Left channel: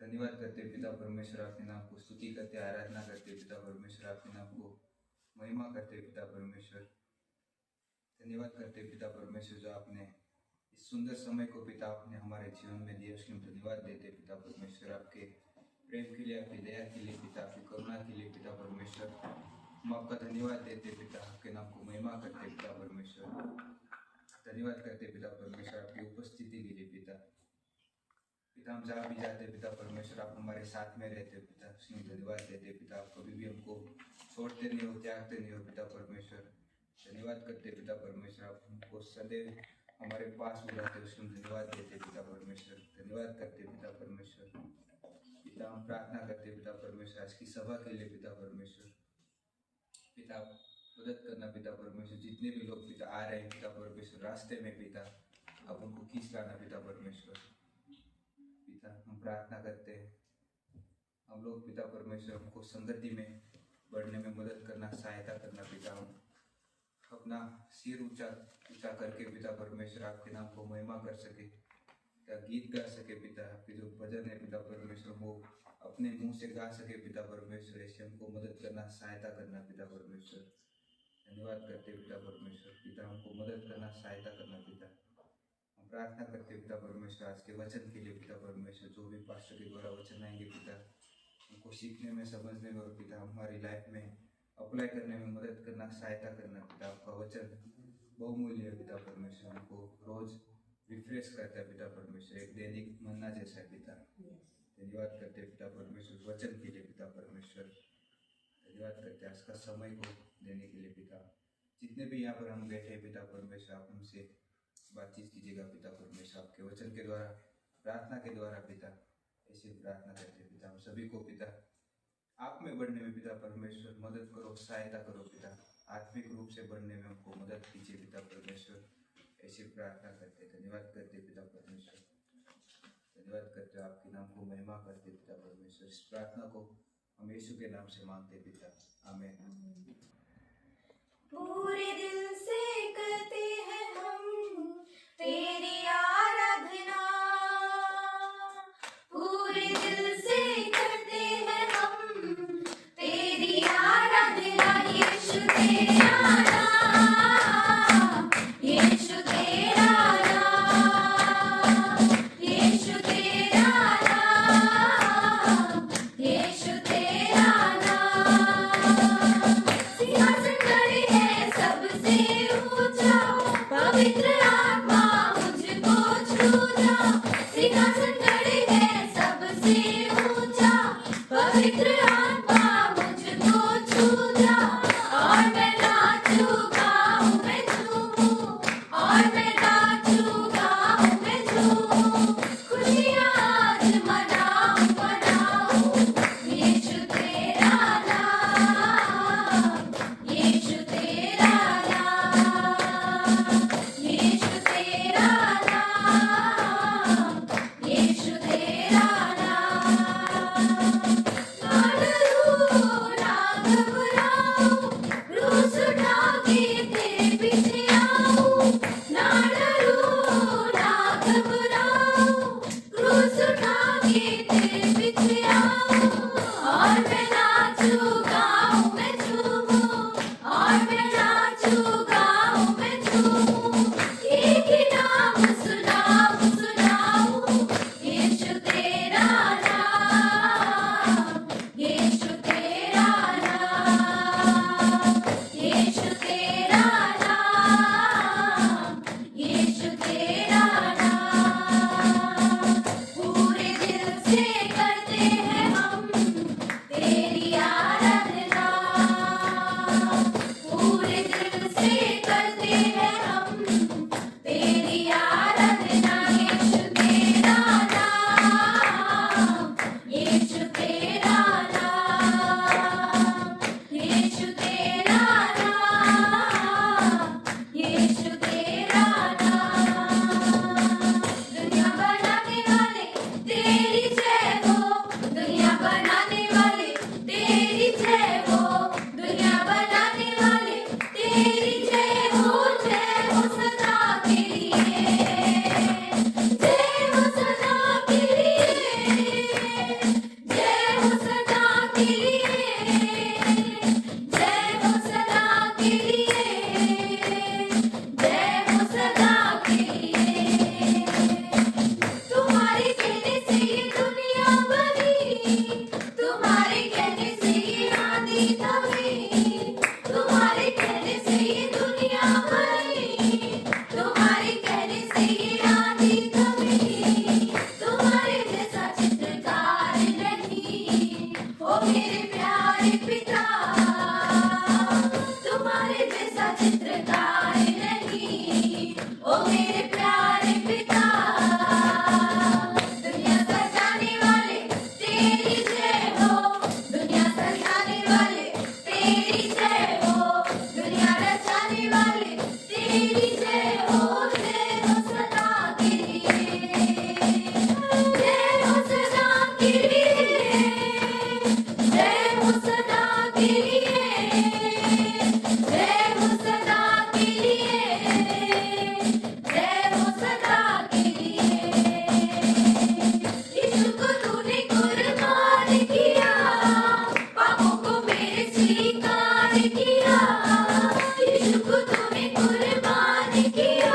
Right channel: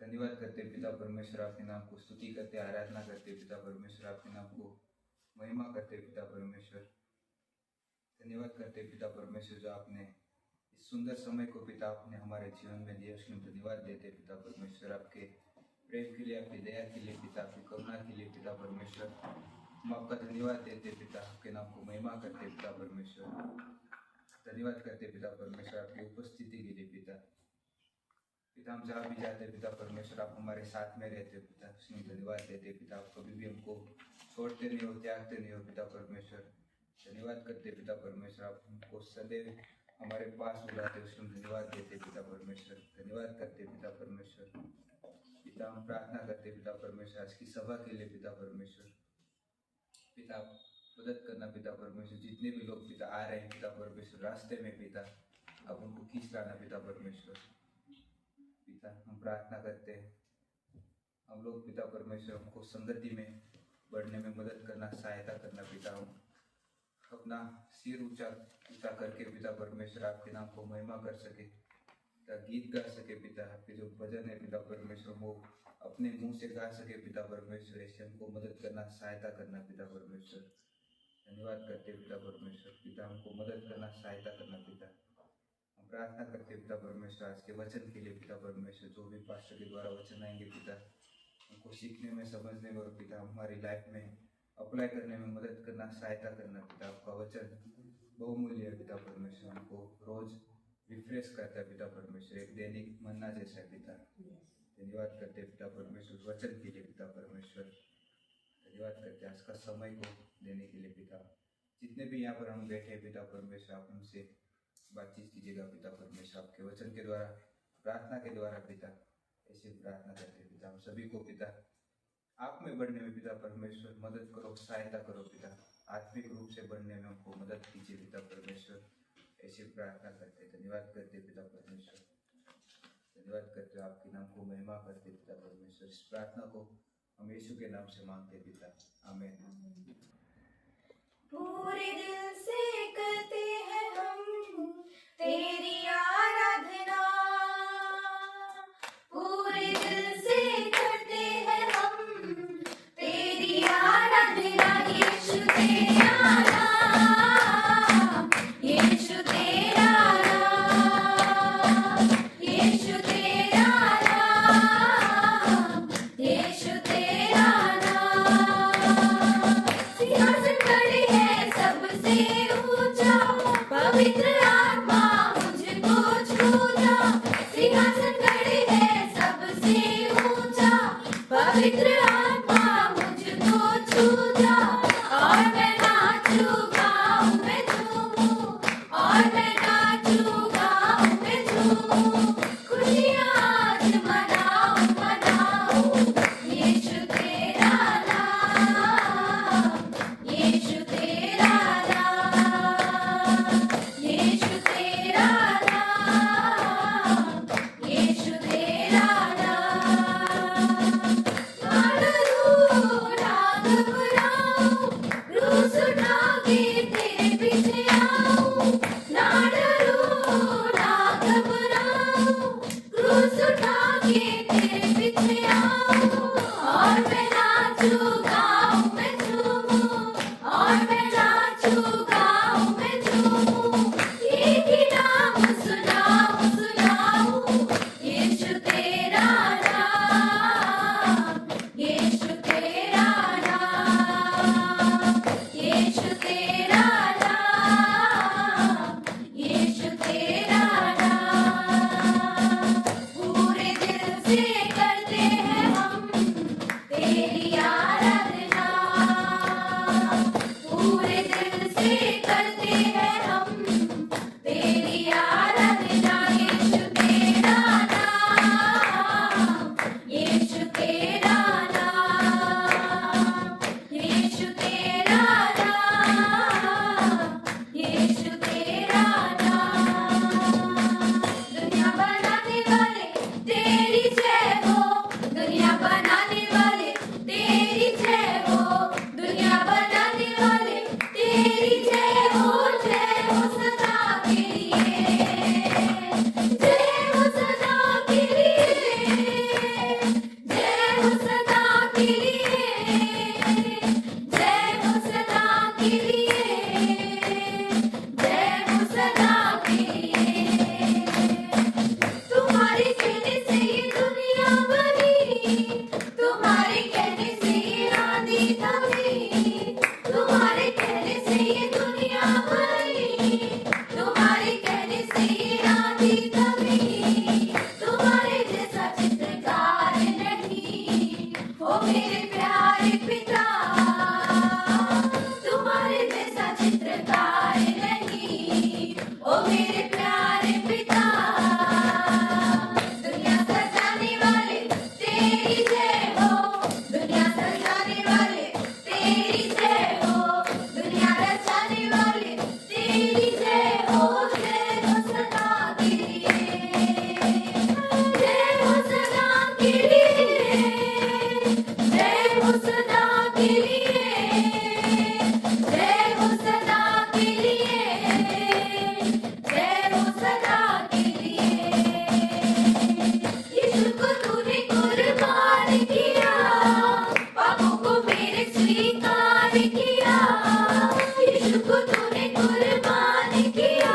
धन्यवाद करते पिता परमेश्वर, आपके नाम को स्तुति करते, आराधना करते पिता परमेश्वर, आपके नाम को महिमा करते पिता परमेश्वर। धन्यवाद करते पिता परमेश्वर, जो आपने इस सुंदर समय को पिता आपने हमारे जीवन में दिया, उसके धन्यवाद देते पिता परमेश्वर। आपके प्रेम के लिए, आपकी दया के लिए पिता, आपकी करुणा के लिए पिता परमेश्वर, हम आपका धन्यवाद देते पिता, आपके नाम को महिमा करते पिता परमेश्वर। धन्यवाद करते पिता परमेश्वर, आपकी उपस्थिति के लिए पिता। पिता हम जहाँ भी जाते पिता परमेश्वर, आप हमारे साथ में रहते पिता, उसमें धन्यवाद देते पिता। आप कभी भी हमको छोड़ते नहीं हो, त्यागते नहीं हो पिता परमेश्वर। धन्यवाद करते पिता परमेश्वर, आप हमको सदैव हमारे पास बुलाते, उसमें धन्यवाद देते पिता परमेश्वर। धन्यवाद करते पिता परमेश्वर। पिता हम प्रार्थना करते पिता परमेश्वर आज की सभा के लिए पिता परमेश्वर। पिता मदद करना पिता परमेश्वर, जितने भी लोग पिता आ रहे हैं पिता परमेश्वर रास्ते में पिता, आप उनको खींच लाना पिता परमेश्वर। पिता हम प्रार्थना करते हैं, हम लोग पिता परमेश्वर हमको संगति में बढ़ने में मदद करना, सहायता करना पिता। हम अपना सिर ऊंचा ऊंचा करके पिता परमेश्वर आपके नाम को महिमा कर सके, गीत गा सके पिता। आपके जो भजन है पिता परमेश्वर वो अपने मुंह से गा सके पिता परमेश्वर। ऐसे हमको मदद करना, सहायता करना पिता परमेश्वर। धन्यवाद करते पिता परमेश्वर, पिता हमको मदद करना, सहायता करना पिता। हम प्रार्थना करते पिता परमेश्वर आज के वचन के लिए पिता परमेश्वर, जो भी पास्टर के द्वारा वचन आएंगे पिता, हमको सीखने में, समझने में और पिता हमारी लाइफ में अप्लाई करने में मदद करना, सहायता करना पिता। आपका वचन बहुमूल्य है पिता परमेश्वर, हमको रोज रिफ्रेश करता है पिता परमेश्वर, एक दैनिक मन्ना जैसा है पिता। धन्यवाद करते पिता परमेश्वर वचन के लिए पिता परमेश्वर। धन्यवाद करते आज का समय को देने के लिए पिता। जितने भी यहाँ पर हम बैठे हैं पिता परमेश्वर, आप हमसे बातचीत कीजिएगा पिता परमेश्वर, आपके वचन के द्वारा, प्रार्थना के द्वारा पिता। ऐसे प्रार्थना करते पिता, हम सभी को पिता आप में बढ़ने में पिता परमेश्वर मदद करो, सहायता करो पिता। आत्मिक रूप से बढ़ने में हमको मदद कीजिए पिता परमेश्वर। ऐसे प्रार्थना करते, धन्यवाद करते पिता परमेश्वर। धन्यवाद करते, आपके नाम को महिमा करते पिता परमेश्वर। इस प्रार्थना को हम यीशु के नाम से मांगते पिता, आमीन। पूरे दिल से करते हैं हम तेरी आराधना, पूरे दिल से करते हैं हम तेरी आराधना। यीशु तेरा नाम, यीशु तेरा नाम, यीशु तेरा नाम, यीशु तेरा नाम। सिंहासन खड़े है सबसे ऊंचा, पवित्र आत्मा मुझको छूता। सिंहासन खड़े है सबसे ऊंचा, पवित्र आत्मा मुझको छूता। और मैं नाचूंगा, मैं झूमूं, और मैं नाचूंगा, मैं झूमूं। खुशियाँ आज मनाऊं, मनाऊं। यीशु तेरा नाम, यीशु तेरा नाम, यीशु तेरा नाम, यीशु तेरा नाम। राग बुलाऊं, क्रूस उठा के तेरे पीछे आऊं। राग बुलाऊं, क्रूस उठा के तेरे पीछे आऊं। और मैं नाचूंगा, मैं झूमूं, और मैं नाचूंगा, मैं झूमूं। एक ही नाम सुनाऊं, सुनाऊं। यीशु तेरा नाम, यीशु तेरा नाम, यीशु तेरा नाम, यीशु तेरा नाम। पूरे दिल से करते हैं हम तेरी आराधना, पूरे दिल से करते हैं हम तेरी आराधना। यीशु तेरा नाम, यीशु तेरा नाम, यीशु तेरा नाम, यीशु तेरा नाम। दुनिया बनाने वाले तेरी जय हो, दुनिया बनाने वाले तेरी जय हो, दुनिया बनाने वाले तेरी जय हो सदा के लिए, जय हो सदा के लिए। के लिए, जय हो सदा के लिए। तुम्हारे कहने से ये दुनिया बनी, तुम्हारे कहने से ये आंधी थमी, तुम्हारे कहने से ये दुनिया बनी, तुम्हारे कहने से ये आंधी थमी। तुम्हारे जैसा चित्रकार नहीं, ओ मेरे प्यारे पिता, तुम्हारे जैसा चित्रकार नहीं, ओ मेरे प्यारे पिता। दुनिया सजाने वाले तेरी जय हो, दुनिया सजाने वाले तेरी जय हो, दुनिया रचाने वाले तेरी जय हो। जय हो सदा के लिए, जय हो सदा के लिए, जय हो सदा के लिए, जय हो सदा के लिए, जय हो सदा के लिए। यीशु को तूने कुर्बान किया, पापों को मेरे स्वीकार किया। यीशु को तूने कुर्बान किया,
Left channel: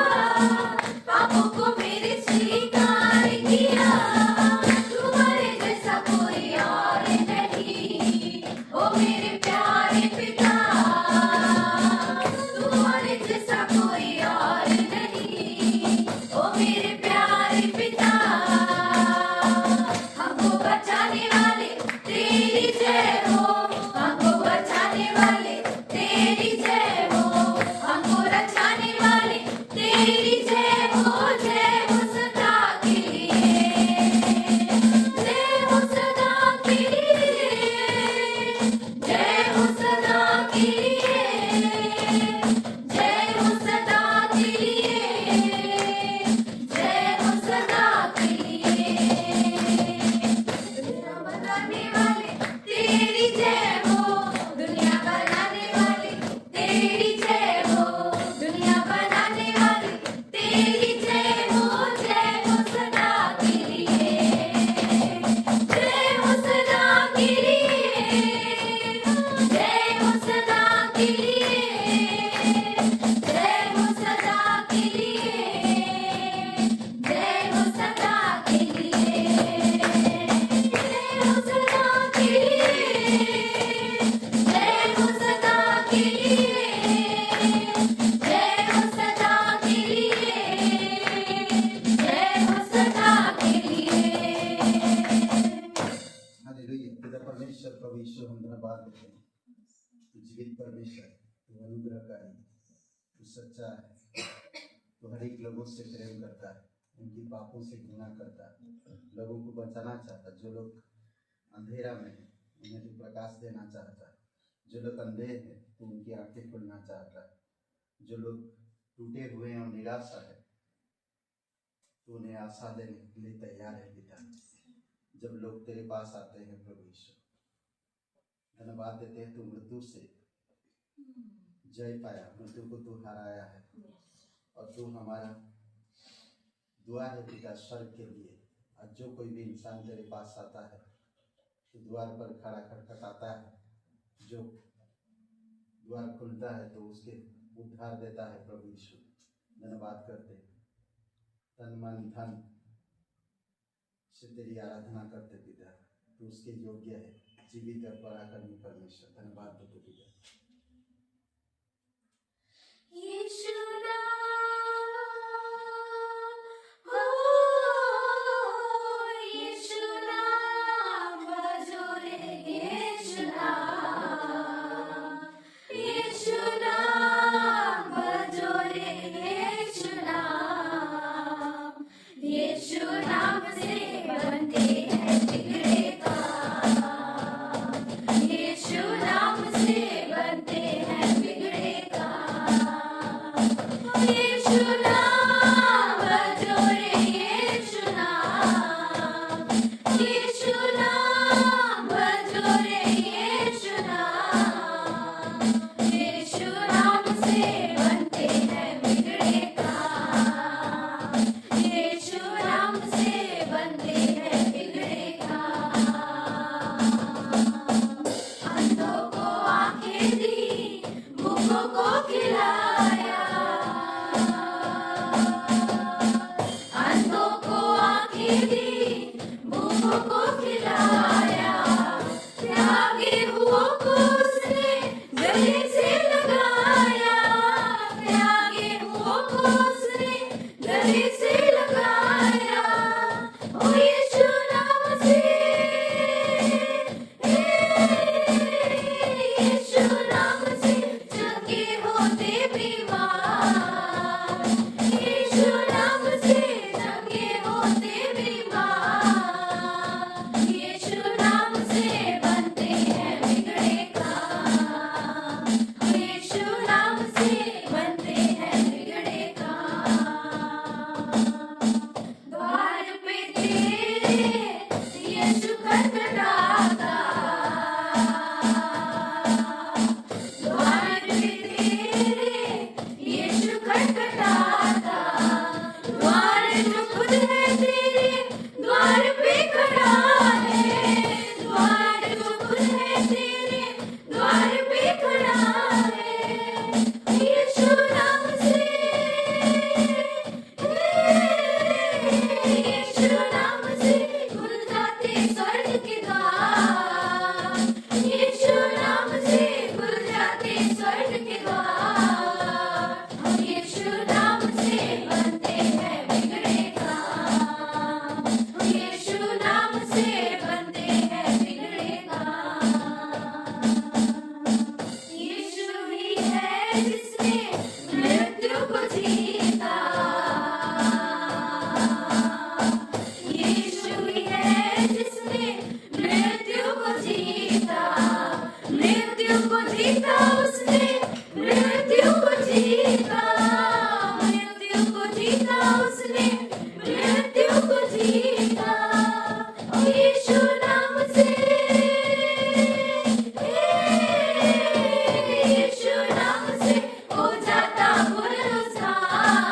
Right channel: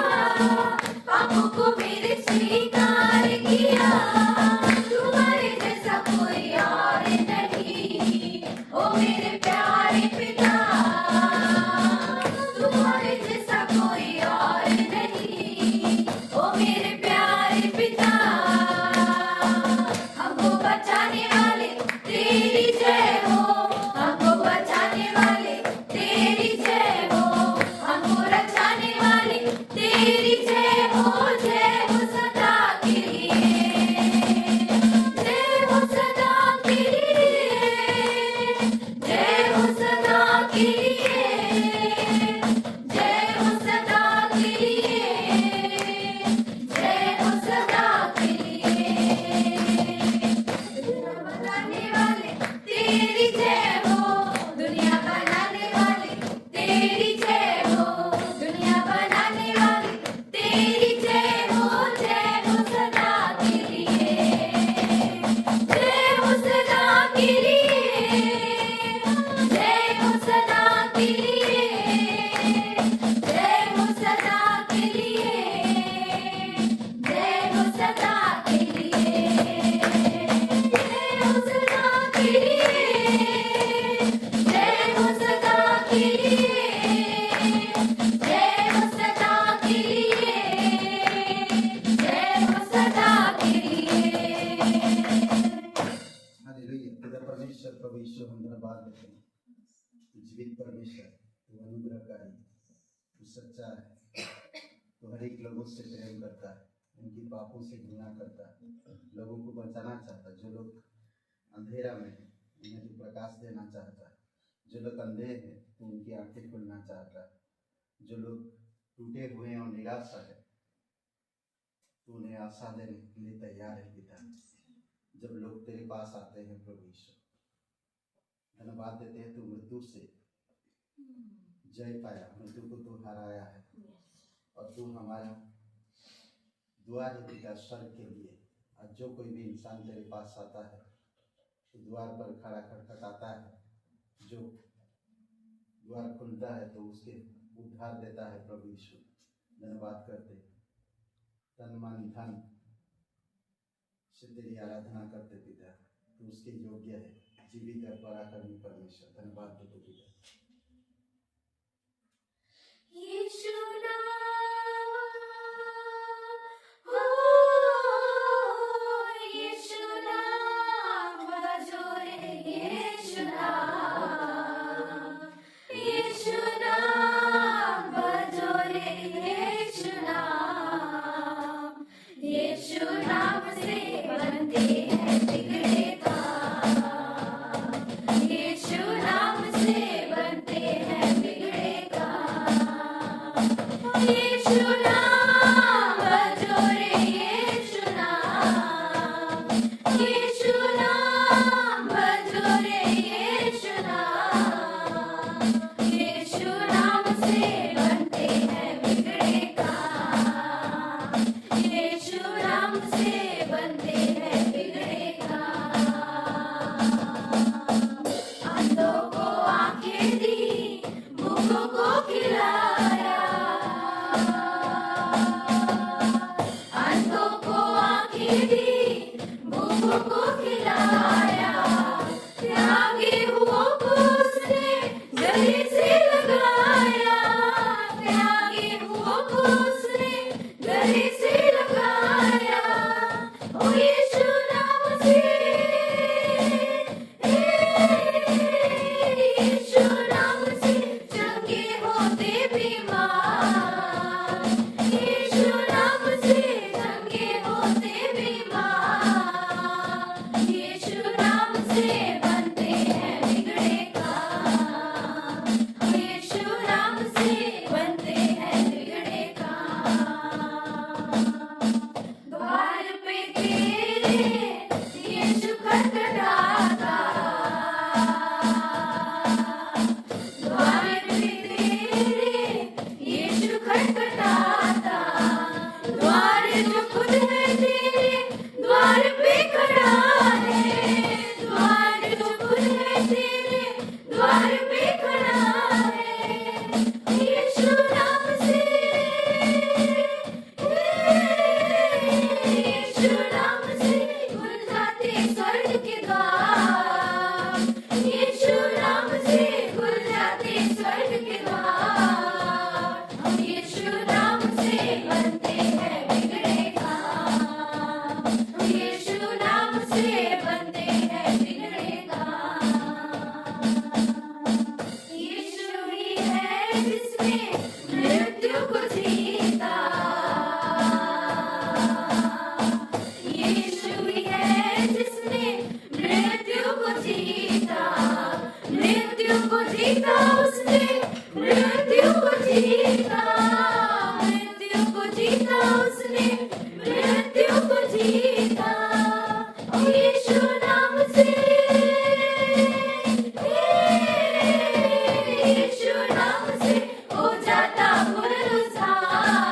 पापों को मेरे स्वीकार किया। तुम्हारे जैसा कोई और नहीं, ओ मेरे प्यारे पिता, तुम्हारे जैसा कोई और नहीं, ओ मेरे प्यारे पिता। हमको बचाने वाले तेरी जय हो, हमको बचाने वाले तेरी जय हो, हमको रचाने वाले तेरी जय हो। जय हो सदा के लिए, जय हो सदा के लिए, जय हो सदा के लिए, जय हो सदा के लिए, जय हो सदा के लिए। दुनिया बनाने वाले तेरी जय हो, दुनिया बनाने वाले तेरी जय हो, दुनिया बनाने वाले तेरी जय हो। जय हो सदा के लिए, जय हो सदा के लिए, जय हो सदा के लिए, जय हो सदा के लिए, जय हो सदा के लिए, जय हो सदा के लिए, जय हो सदा के लिए, जय हो सदा के लिए, जय हो सदा के लिए। हालेलुया। पिता परमेश्वर प्रभु यीशु हम धन्यवाद देते हैं। तू जीवित परमेश्वर, तू अनुग्रहकारी, तू सच्चा है, तू हर एक लोगों से प्रेम करता है, उनकी पापों से घृणा करता है, लोगों को बचाना चाहता है। जो लोग अंधेरा में हैं उन्हें तू प्रकाश देना चाहता है, जो लोग अंधे हैं तू उनकी आंखें खोलना चाहता है, जो लोग टूटे हुए हैं और निराशा है तू उन्हें आशा देने के लिए तैयार है। पिता जब लोग तेरे पास आते हैं प्रभु यीशु, धन्यवाद देते हैं तू मृत्यु से जय पाया, मृत्यु को तू हराया है और तू हमारा द्वार है पिता स्वर्ग के लिए। आज जो कोई भी इंसान तेरे पास आता है तो द्वार पर खड़ा खटखटाता है, जो द्वार खुलता है तो उसके उद्धार देता है प्रभु यीशु। धन्यवाद करते हैं, तन मन धन से तेरी आराधना करते पिता, तू उसके योग्य है, जीवित और पराक्रमी परमेश्वर। धन्यवाद देते पिता। यीशु नाम हो, यीशु नाम भजो रे, यीशु नाम, यीशु नाम भजो रे, यीशु नाम। यीशु नाम से बनते हैं बिगड़े काम, यीशु नाम से को खिलाया, अंधों को आंखें दी, भूखों को खिलाया, त्यागी हुओं को उसने गले से लगाया, त्यागी हुओं को उसने गले से लगाया। ओ यीशु नाम से, यीशु नाम से चंगे होते बीमार, यीशु नाम से चंगे होते बीमार, यीशु नाम से बनते हैं बिगड़े काम, यीशु नाम से बनते हैं बिगड़े काम। द्वार पे तेरे यीशु खटखटाता, द्वार पे तेरे यीशु खटखटाता, द्वार जो खुद है तेरे द्वार पे खड़ा है, द्वार जो खुद है तेरे द्वार पे खड़ा है। यीशु नाम से, यीशु नाम से खुल जाते स्वर्ग के द्वार, यीशु नाम से खुल जाते स्वर्ग के द्वार, यीशु नाम से बनते हैं बिगड़े काम, यीशु नाम से बनते हैं बिगड़े काम। यीशु ही है जिसने मृत्यु को जीता, यीशु ही है जिसने मृत्यु को जीता, मृत्यु को जीता उसने, मृत्यु को जीता, मृत्यु को जीता उसने, मृत्यु को जीता। यीशु नाम से, यीशु नाम से हो जाता पुनरुत्थान,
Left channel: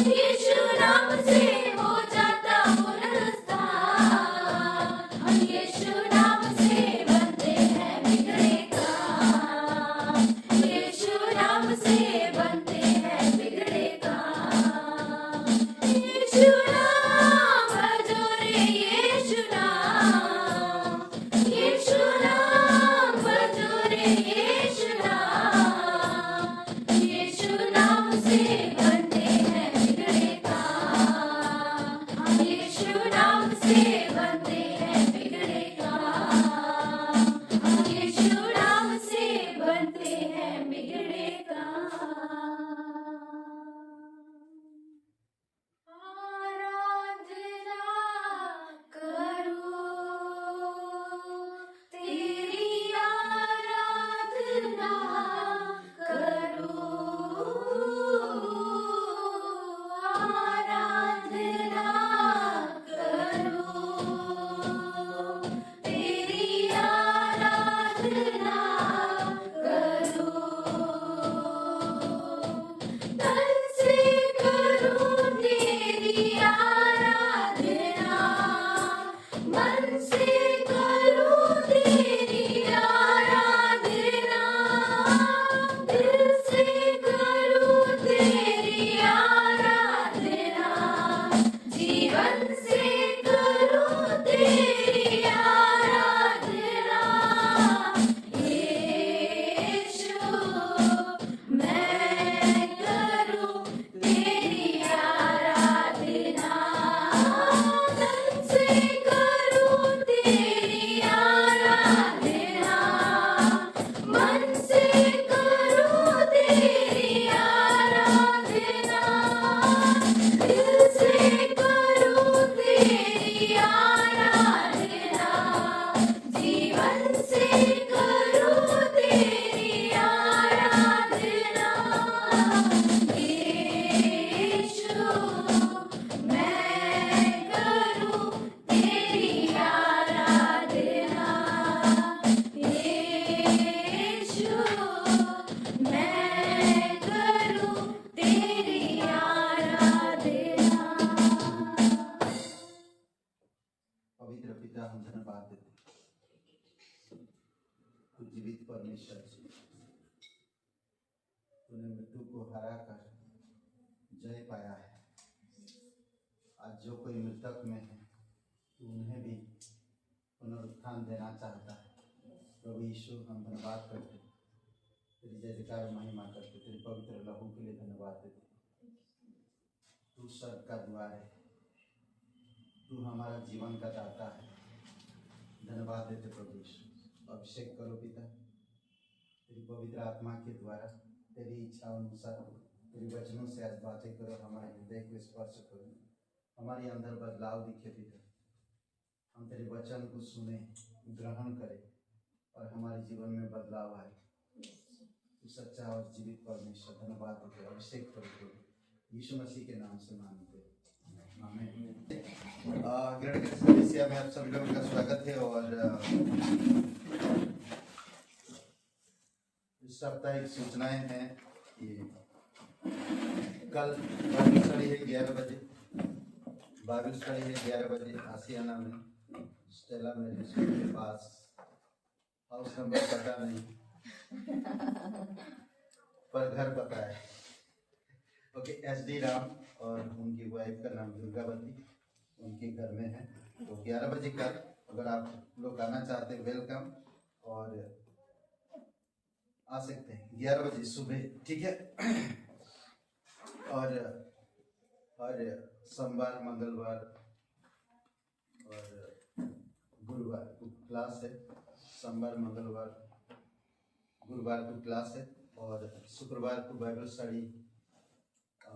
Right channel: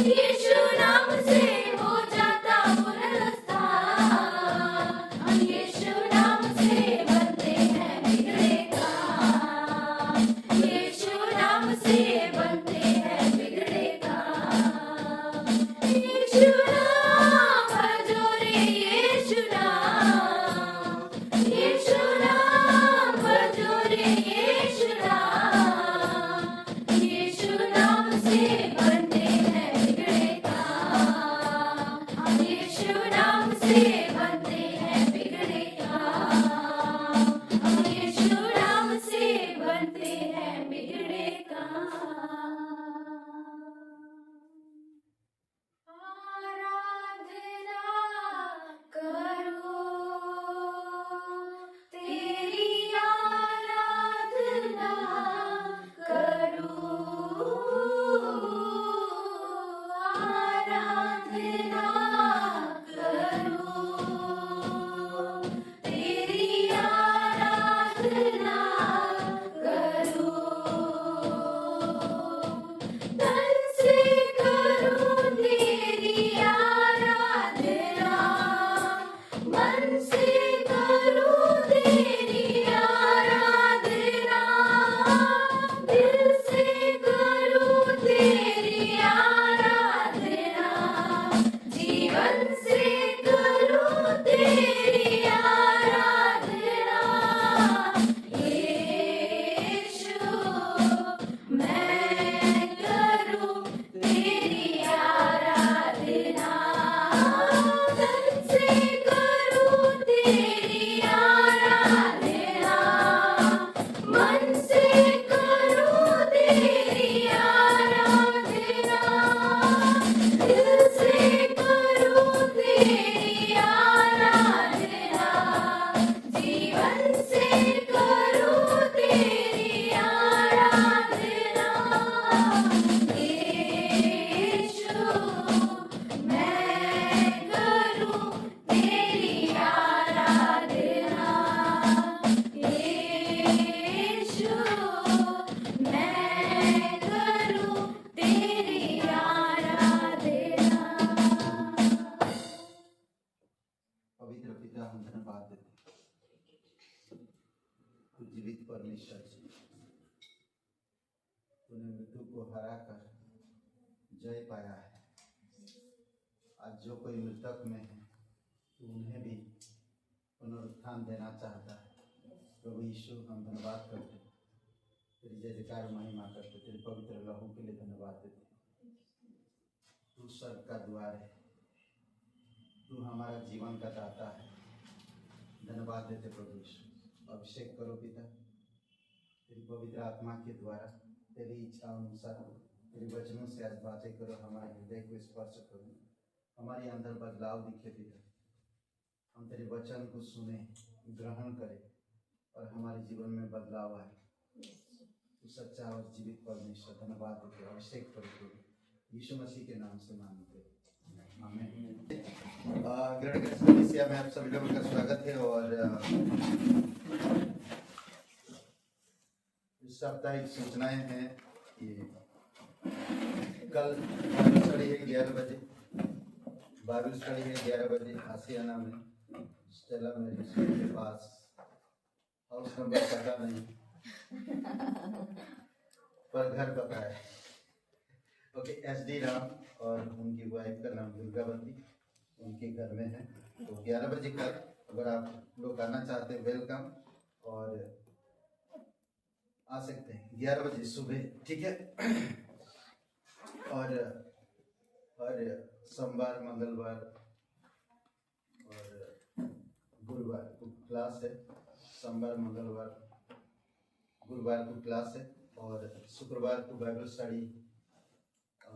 यीशु नाम से हो जाता पुनरुत्थान, यीशु नाम से बनते हैं बिगड़े काम, यीशु नाम से बनते हैं बिगड़े काम। यीशु नाम भजो रे यीशु नाम, यीशु नाम भजो रे यीशु नाम, यीशु नाम से बनते हैं बिगड़े काम, यीशु नाम से बनते हैं बिगड़े काम, यीशु नाम से बनते हैं बिगड़े काम। आराधना करो, तेरी आराधना करो, तूने मृत्यु को हरा कर जय पाया है। आज जो कोई मृतक में है तो उन्हें भी पुनरुत्थान देना चाहता है। प्रभु यीशु, हम धन्यवाद करते हैं, तेरी जय जयकार महिमा करते, तेरे पवित्र लहू के लिए धन्यवाद देते। तू स्वर्ग का द्वार है, तू हमारा जीवन का दाता है। धन्यवाद देते प्रभु यीशु। अभिषेक करो पिता, तेरी पवित्र आत्मा के द्वारा, तेरी इच्छा अनुसार, तेरे वचनों से आज बातें करो, हमारे हृदय को स्पर्श करो, हमारे अंदर बदलाव दिखे पिता। हम तेरे वचन को सुने, ग्रहण करें और हमारे जीवन में बदलाव आए। तू सच्चा और जीवित परमेश्वर, धन्यवाद देते। अभिषेक करो यीशु मसीह के नाम से मांगते हैं, आमीन। ग्रेट कलीसिया में आप सभी लोगों का स्वागत है। और इस साप्ताहिक सूचनाएं हैं कि कल बाइबल स्टडी है 11 बजे, बाइबल स्टडी है 11 बजे आसियाना में, स्टेला मेरे स्कूल के पास। हाउस नंबर पता नहीं पर घर पता है। ओके, SD राम और उनकी वाइफ का नाम दुर्गावती, उनके घर में है। तो 11 बजे कल अगर आप लोग आना चाहते हैं, वेलकम, और आ सकते हैं 11 बजे सुबह, ठीक है। और हर सोमवार, मंगलवार और गुरुवार को क्लास है। सोमवार, मंगलवार, गुरुवार को क्लास है। और शुक्रवार को बाइबल स्टडी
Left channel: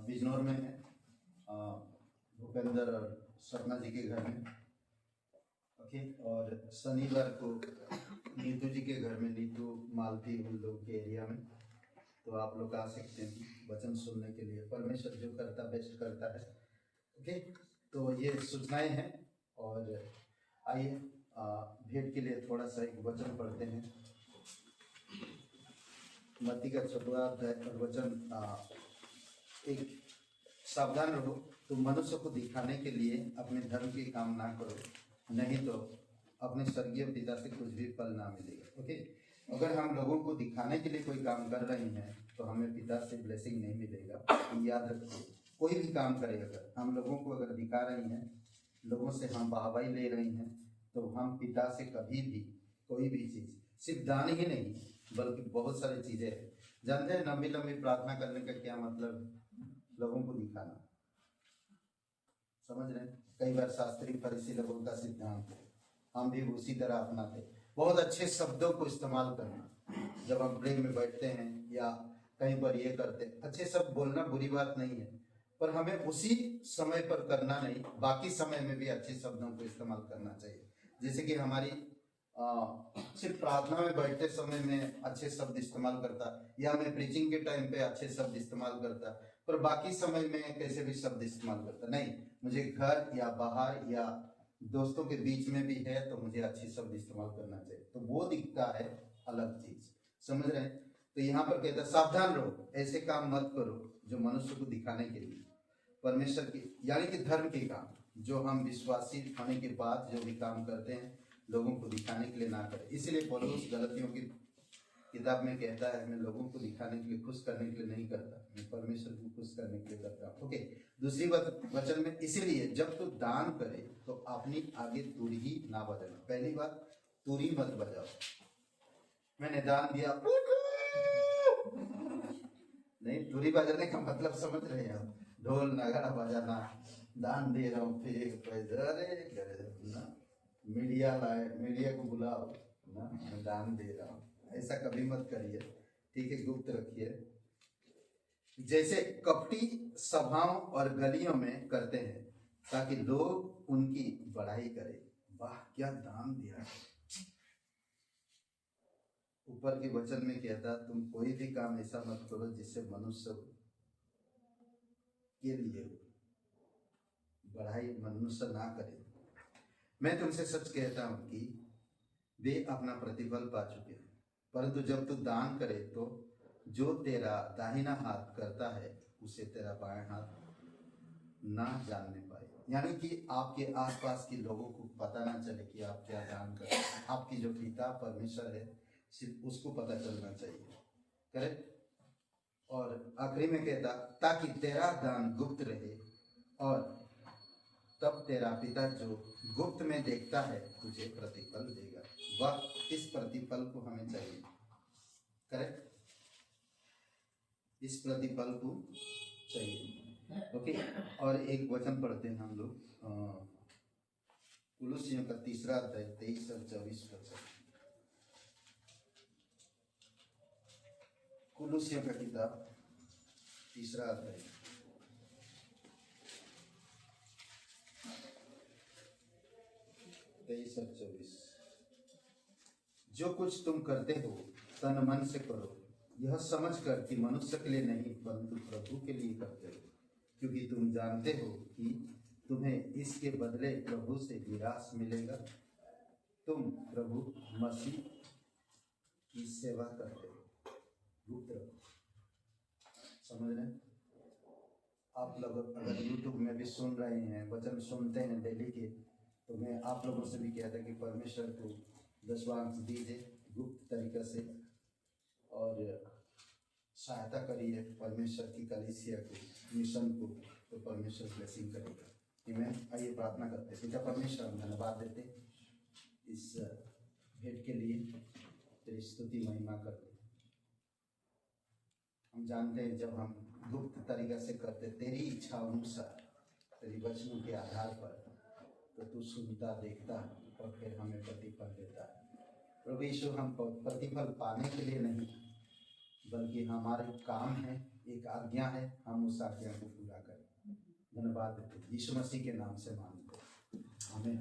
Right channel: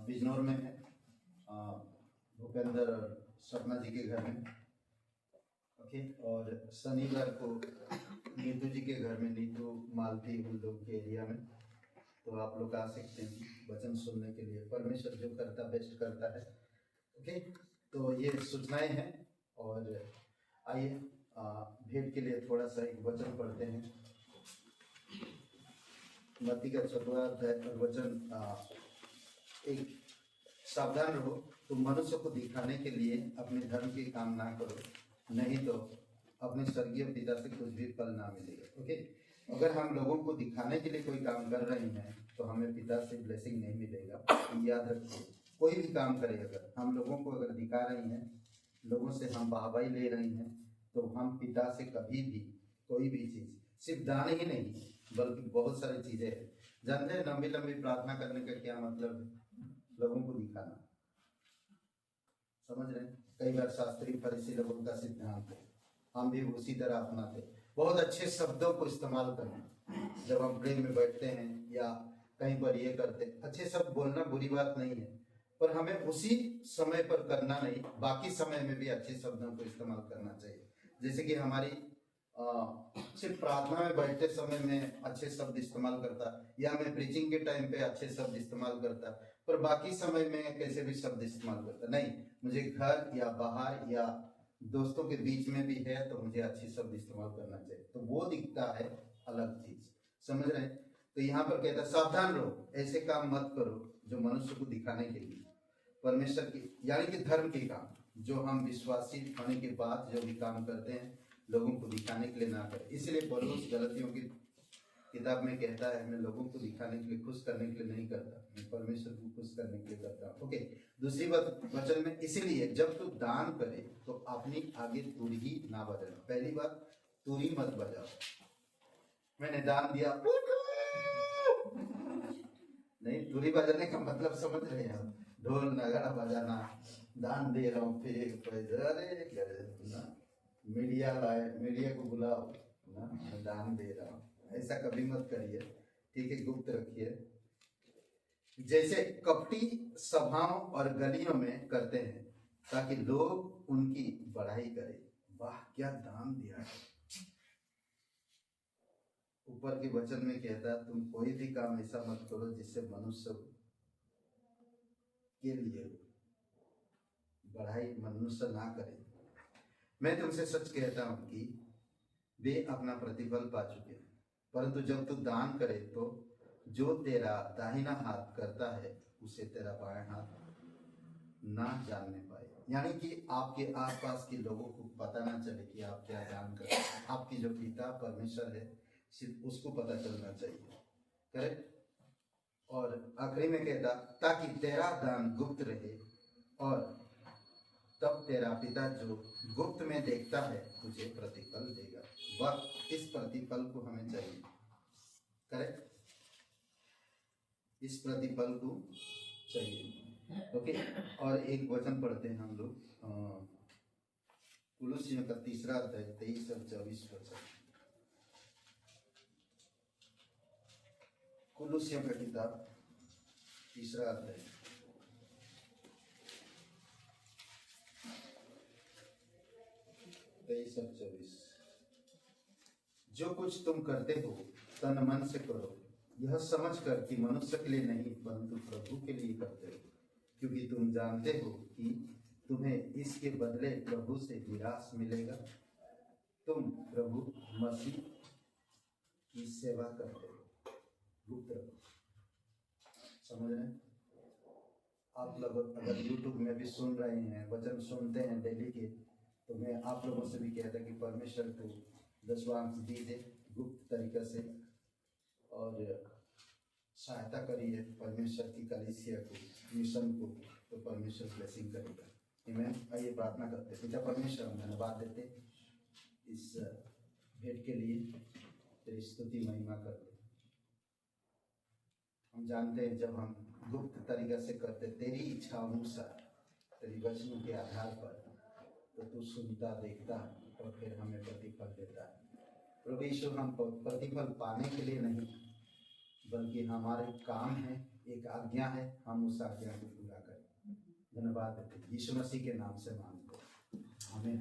बिजनौर में है, भूपेंद्र और सपना जी के घर में। ओके, और शनिवार को नीतू जी के घर में, नीतू मालती उन लोग के एरिया में। तो आप लोग आ सकते हैं वचन सुनने के लिए। परमेश्वर जो करता बेस्ट करता है। ओके, तो ये सूचनाएं हैं। और आइए भेंट के लिए थोड़ा सा एक वचन पढ़ते हैं। मत्ती का 14वां अध्याय और वचन एक, सावधान रहो, तुम मनुष्य को दिखाने के लिए अपने धर्म के काम ना करो, नहीं तो अपने स्वर्गीय पिता से कुछ भी फल ना मिलेगा। ओके, अगर हम लोगों को दिखाने के लिए कोई काम कर रहे हैं तो हमें पिता से ब्लेसिंग नहीं मिलेगा। याद रखिए, कोई भी काम करे, अगर हम लोगों को अगर दिखा रहे हैं, लोगों से हम वाहवाही ले रहे हैं, तो हम पिता से कभी भी कोई भी चीज़, सिर्फ दान ही नहीं बल्कि बहुत सारी चीज़ें हैं। जानते हैं लंबी लंबी प्रार्थना करने का क्या मतलब है? लोगों को दिखाना। समझ रहे हैं? कई बार शास्त्री फरीसी लोगों का सिद्धांत है, हम भी उसी तरह अपनाते। बहुत अच्छे शब्दों को इस्तेमाल करना, जब हम प्रेम में बैठते हैं या कहीं पर ये करते हैं, अच्छे शब्द बोलना बुरी बात नहीं है, पर हमें उसी समय पर करना नहीं, बाकी समय में भी अच्छे शब्दों को इस्तेमाल करना चाहिए। जैसे कि हमारी सिर्फ प्रार्थना में बैठते समय में अच्छे शब्द इस्तेमाल करता, या मैं प्रीचिंग के टाइम पे अच्छे शब्द इस्तेमाल करता, पर बाकी समय में कैसे भी शब्द इस्तेमाल करता नहीं। मुझे घर या बाहर या दोस्तों के बीच में भी है तो मुझे अच्छे शब्द इस्तेमाल करना चाहिए, तो वो दिखता है अलग चीज। समझ रहे हैं? तो यहाँ पर कहता है सावधान रहो, ऐसे काम मत करो जो मनुष्य को दिखाने के लिए, परमेश्वर की यानी कि धर्म के काम, जो हम विश्वासी होने के बाद जो भी काम करते हैं लोगों को दिखाने के लिए ना करें। इसलिए पौलुस गलतियों की किताब में कहता है, मैं लोगों को दिखाने के लिए, खुश करने के लिए नहीं करता, मैं परमेश्वर को खुश करने के लिए करता हूँ। ओके, दूसरी वचन में, इसीलिए जब तू दान करे तो अपनी आगे तुरही ना बजाना। पहली बात, तुरही मत बजाओ। मैंने दान दिया नहीं, तुरही बजाने का मतलब समझ रहे हैं हम? ढोल नगाड़ा बजाना, दान दे रहा हूँ, मीडिया लाए, मीडिया को बुलाओ ना, मैं दान दे रहा हूँ, ऐसा कभी मत करिए। ठीक है, गुप्त रखिए। जैसे कपटी सभाओं और गलियों में करते हैं ताकि लोग उनकी बढ़ाई करें, वाह क्या दान दिया है। ऊपर के वचन में कहता, तुम कोई भी काम ऐसा मत करो जिससे मनुष्य के लिए बढ़ाई मनुष्य ना करे। मैं तुमसे सच कहता हूं कि वे अपना प्रतिफल पा चुके हैं। परंतु जब तू दान करे तो जो तेरा दाहिना हाथ करता है उसे तेरा बायां हाथ ना जानने पाए। यानी कि आपके आसपास के लोगों को पता ना चले कि आप क्या दान कर रहे हैं। आपकी जो पिता परमेश्वर है सिर्फ उसको पता चलना चाहिए। करेक्ट? और आखिरी में कहता ताकि तेरा दान गुप्त रहे और तब तेरा पिता जो गुप्त में देखता है तुझे प्रतिफल देगा। वह इस प्रतिफल को हमें चाहिए, करेक्ट, इस प्रतिफल को चाहिए। ओके, और एक वचन पढ़ते हैं हम लोग, कुलुस्सियों का 3 अध्याय 23 और 24 वचन। कुलुस्सियों का किताब 3 अध्याय 23 और 24। जो कुछ तुम करते हो तन मन से करो, यह समझकर कि मनुष्य के लिए नहीं परंतु प्रभु के लिए करते हो, क्योंकि तुम जानते हो कि तुम्हें इसके बदले प्रभु से विरास मिलेगा। तुम प्रभु मसीह की सेवा करते हो। गुप्त, समझ रहे हैं? आप लोग अगर YouTube में भी सुन रहे हैं, वचन सुनते हैं डेली के, तो मैं आप लोगों से भी कहता कि परमेश्वर को दशवांश दीजिए गुप्त तरीके से और सहायता करिए परमेश्वर की कलीसिया को, मिशन को, तो परमेश्वर ब्लेसिंग करेगा। आमीन। आइए प्रार्थना करते हैं। पिता परमेश्वर, हम धन्यवाद देते इस भेंट के लिए, तेरी स्तुति महिमा करते। हम जानते हैं जब हम गुप्त तरीके से करते तेरी इच्छा अनुसार, तेरी वचनों के आधार पर, तो तू सुनता, देखता और फिर हमें प्रतिफल देता है। प्रभु यीशु, हम प्रतिफल पाने के लिए नहीं, बल्कि हमारे काम है, एक आज्ञा है, हम उस आज्ञा को पूरा करें। धन्यवाद देते यीशु मसीह के नाम से मांगते हैं, आमीन।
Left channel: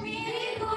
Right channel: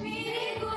मेरे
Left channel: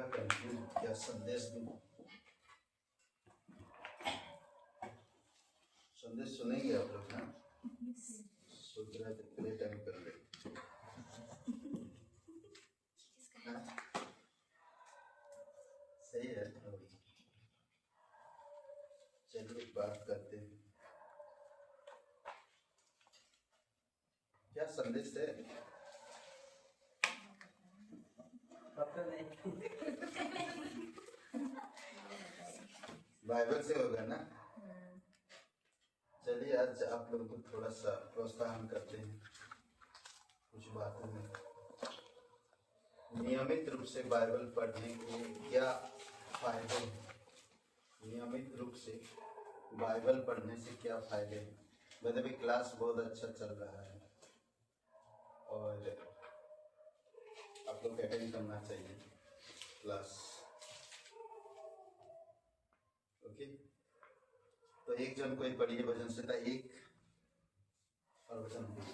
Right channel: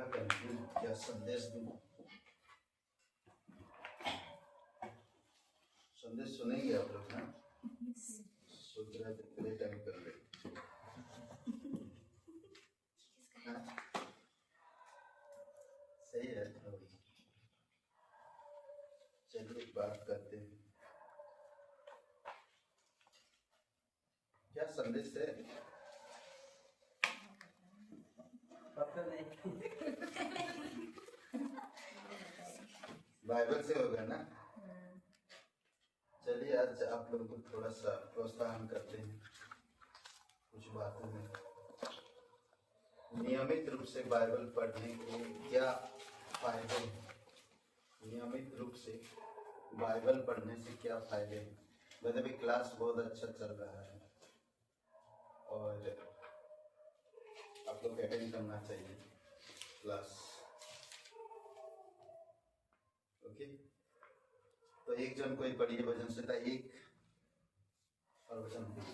थोड़ा कंफ्यूज क्या संदेश दूं। संदेश सुनेंगे आप लोग ना? सोच रहे थे प्ले टाइम कर ले। सही है तो चलिए बात करते हैं। क्या संदेश है? पता नहीं। बाइबल से होगा ना? चलिए आज आप लोग को थोड़ा सा प्रोत्साहन करते हैं कुछ बातों में। नियमित रूप से बाइबल पढ़ने के क्या फायदे हैं? नियमित रूप से बाइबल पढ़ने से क्या फायदे हैं? वैसे भी क्लास बहुत अच्छा चल रहा है और आप लोग अटेंड करना चाहिए क्लास। ओके, तो एक जन कोई पढ़िए भजन संहिता 1 और वचन 2।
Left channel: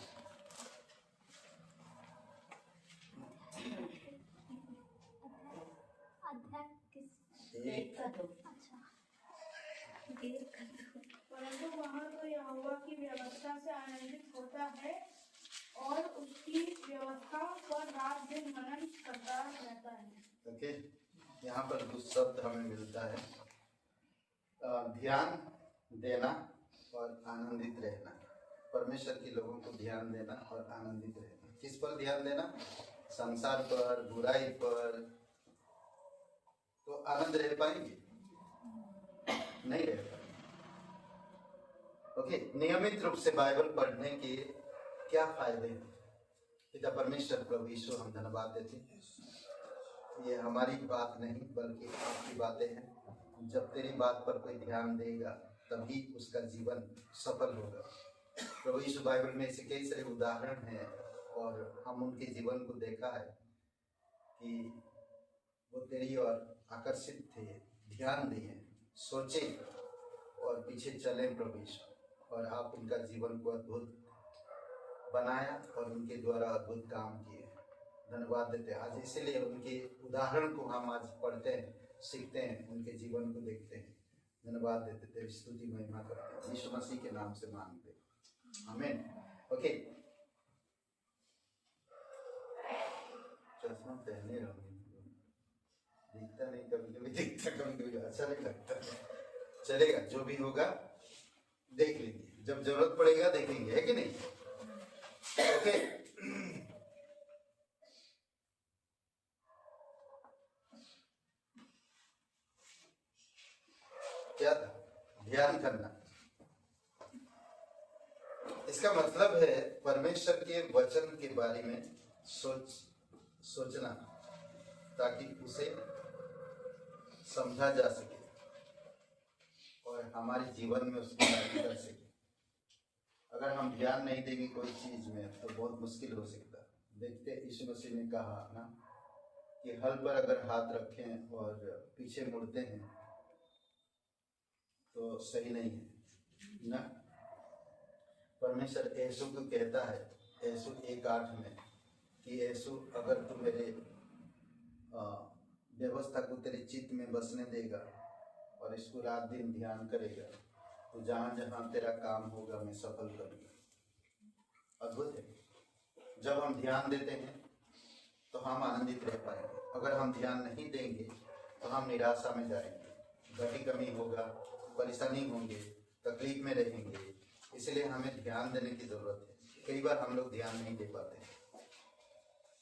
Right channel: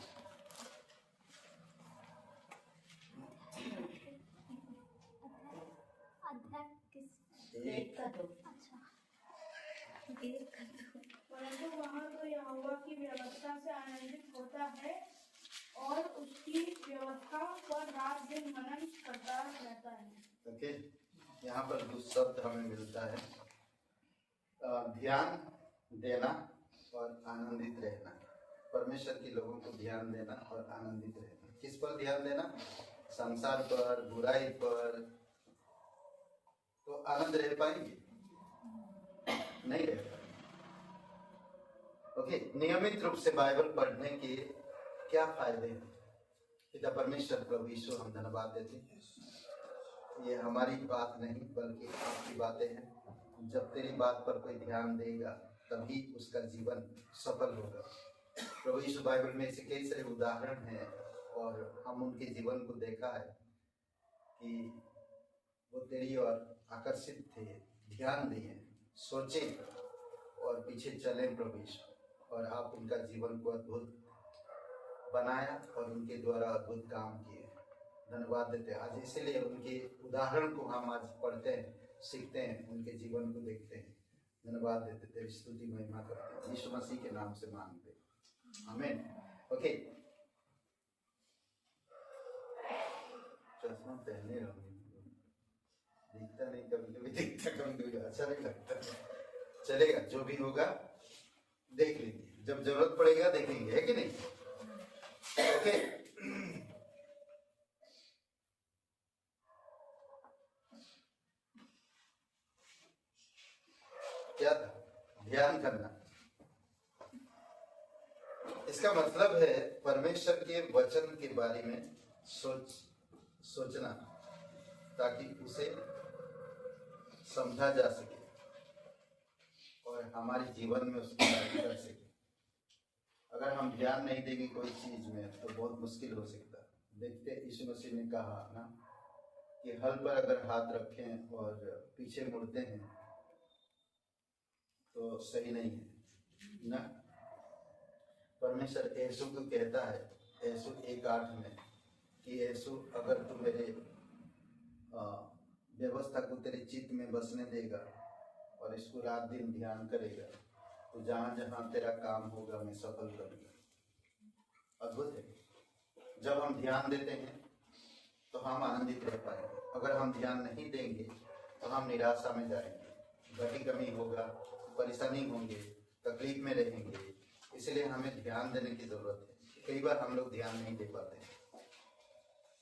परंतु वहाँ तो यहोवा की व्यवस्था से आनंदित होता है और उसकी व्यवस्था पर रात दिन मनन करता रहता है। ओके, यहाँ पर दो शब्द हमें मिलता है, ध्यान देना और आनंदित रहना। परमेश्वर के लोगों को ध्यान देना और आनंदित रहना। किस पर ध्यान देना? संसार पर, बुराई पर। तो आनंद रह पाएंगे? नहीं रह पाएंगे। ओके, नियमित रूप से बाइबल पढ़ने के क्या फायदे हैं? पिता परमेश्वर प्रभु यीशु हम धन्यवाद देते हैं। ये हमारी बात नहीं बल्कि आपकी बातें हैं। जब तेरी बात पर कोई ध्यान देगा तभी उसका जीवन सफल होगा। प्रभु यीशु बाइबल में ऐसे कई सारे उदाहरण हैं और हम उनके जीवन को देखा है कि वो तेरी ओर आकर्षित थे, ध्यान दिए, सोचे और पीछे चले प्रभु यीशु, और आप उनका जीवन को अद्भुत बनाया और उनके द्वारा अद्भुत काम किए। धन्यवाद देते हैं आज, इसीलिए उनके उदाहरण को हम आज पढ़ते हैं, सीखते हैं, उनके जीवन को देखते हैं। धन्यवाद देते थे, स्तुति महिमा करते हैं, यीशु मसीह के नाम से मांगते हैं, आमीन। ओके, चश्मा पहने दिखता नहीं, कभी कभी दिखता, कभी कभी अच्छा नहीं लगता। चलेगा, जो भी होगा देख लेंगे, जब जरूरत पड़ेगा देखेंगे, है कि नहीं? ओके, क्या था? ध्यान करना। इसका मतलब है परमेश्वर के वचन के बारे में सोचना ताकि उसे समझा जा सके और हमारे जीवन में उसको लागू कर सके। अगर हम ध्यान नहीं देंगे कोई चीज में तो बहुत मुश्किल हो सकता है। देखते यीशु मसीह ने कहा ना कि हल पर अगर हाथ रखें और पीछे मुड़ते हैं तो सही नहीं है ना। परमेश्वर यीशु को कहता है, यीशु 1:8 में, कि यीशु अगर तू मेरे व्यवस्था को तेरे चित्त में बसने देगा और इसको रात दिन ध्यान करेगा तो जहां जहां तेरा काम होगा मैं सफल करूंगा। अद्भुत है। जब हम ध्यान देते हैं तो हम आनंदित रह पाएंगे। अगर हम ध्यान नहीं देंगे तो हम निराशा में जाएंगे, घटी कमी होगा, परेशानी होंगे, तकलीफ में रहेंगे। इसलिए हमें ध्यान देने की जरूरत है। कई बार हम लोग ध्यान नहीं दे पाते।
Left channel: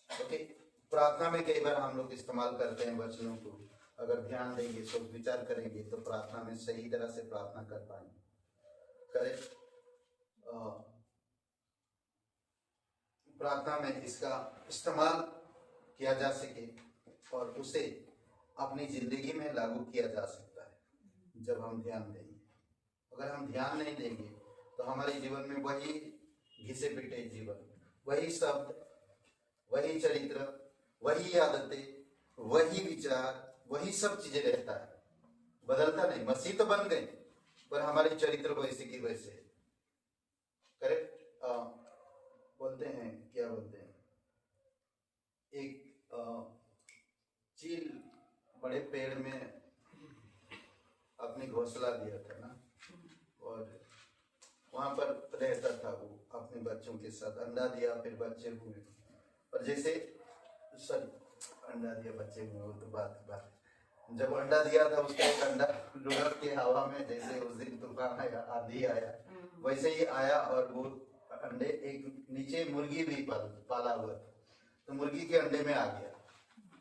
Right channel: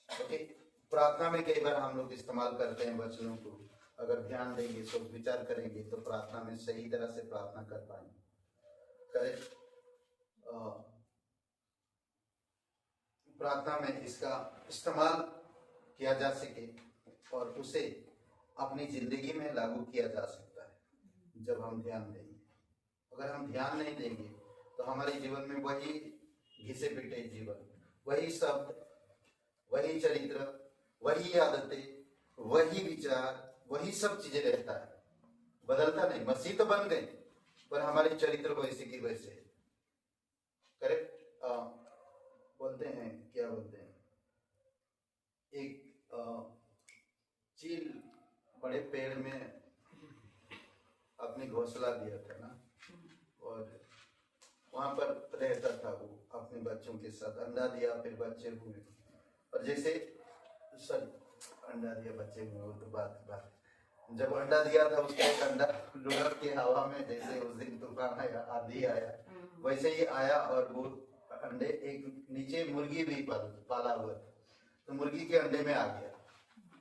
ओके, प्रार्थना में कई बार हम लोग इस्तेमाल करते हैं वचनों को। अगर ध्यान देंगे, सोच विचार करेंगे तो प्रार्थना में सही तरह से प्रार्थना कर पाएंगे। प्रार्थना में इसका इस्तेमाल किया जा सके और उसे अपनी जिंदगी में लागू किया जा सकता है जब हम ध्यान देंगे। अगर हम ध्यान नहीं देंगे तो हमारे जीवन में वही घिसे पिटे जीवन, वही शब्द, वही चरित्र, वही आदतें, वही विचार, वही सब चीजें रहता है, बदलता नहीं। मसीह तो बन गए पर हमारी चरित्र वैसे की वैसे। करेक्ट? बोलते हैं, क्या बोलते हैं, एक चील बड़े पेड़ में अपनी घोंसला दिया था ना, और वहां पर रहता था वो अपने बच्चों के साथ। अंडा दिया, फिर बच्चे हुए, और जैसे सॉरी अंडा दिया बच्चे हुए, वो तो बात जब अंडा दिया था उसका एक अंडा लुढ़क के हवा में, जैसे उस दिन तूफान आया, आंधी आया, वैसे ही आया, और वो अंडे एक नीचे मुर्गी भी पाला हुआ था, तो मुर्गी के अंडे में आ गया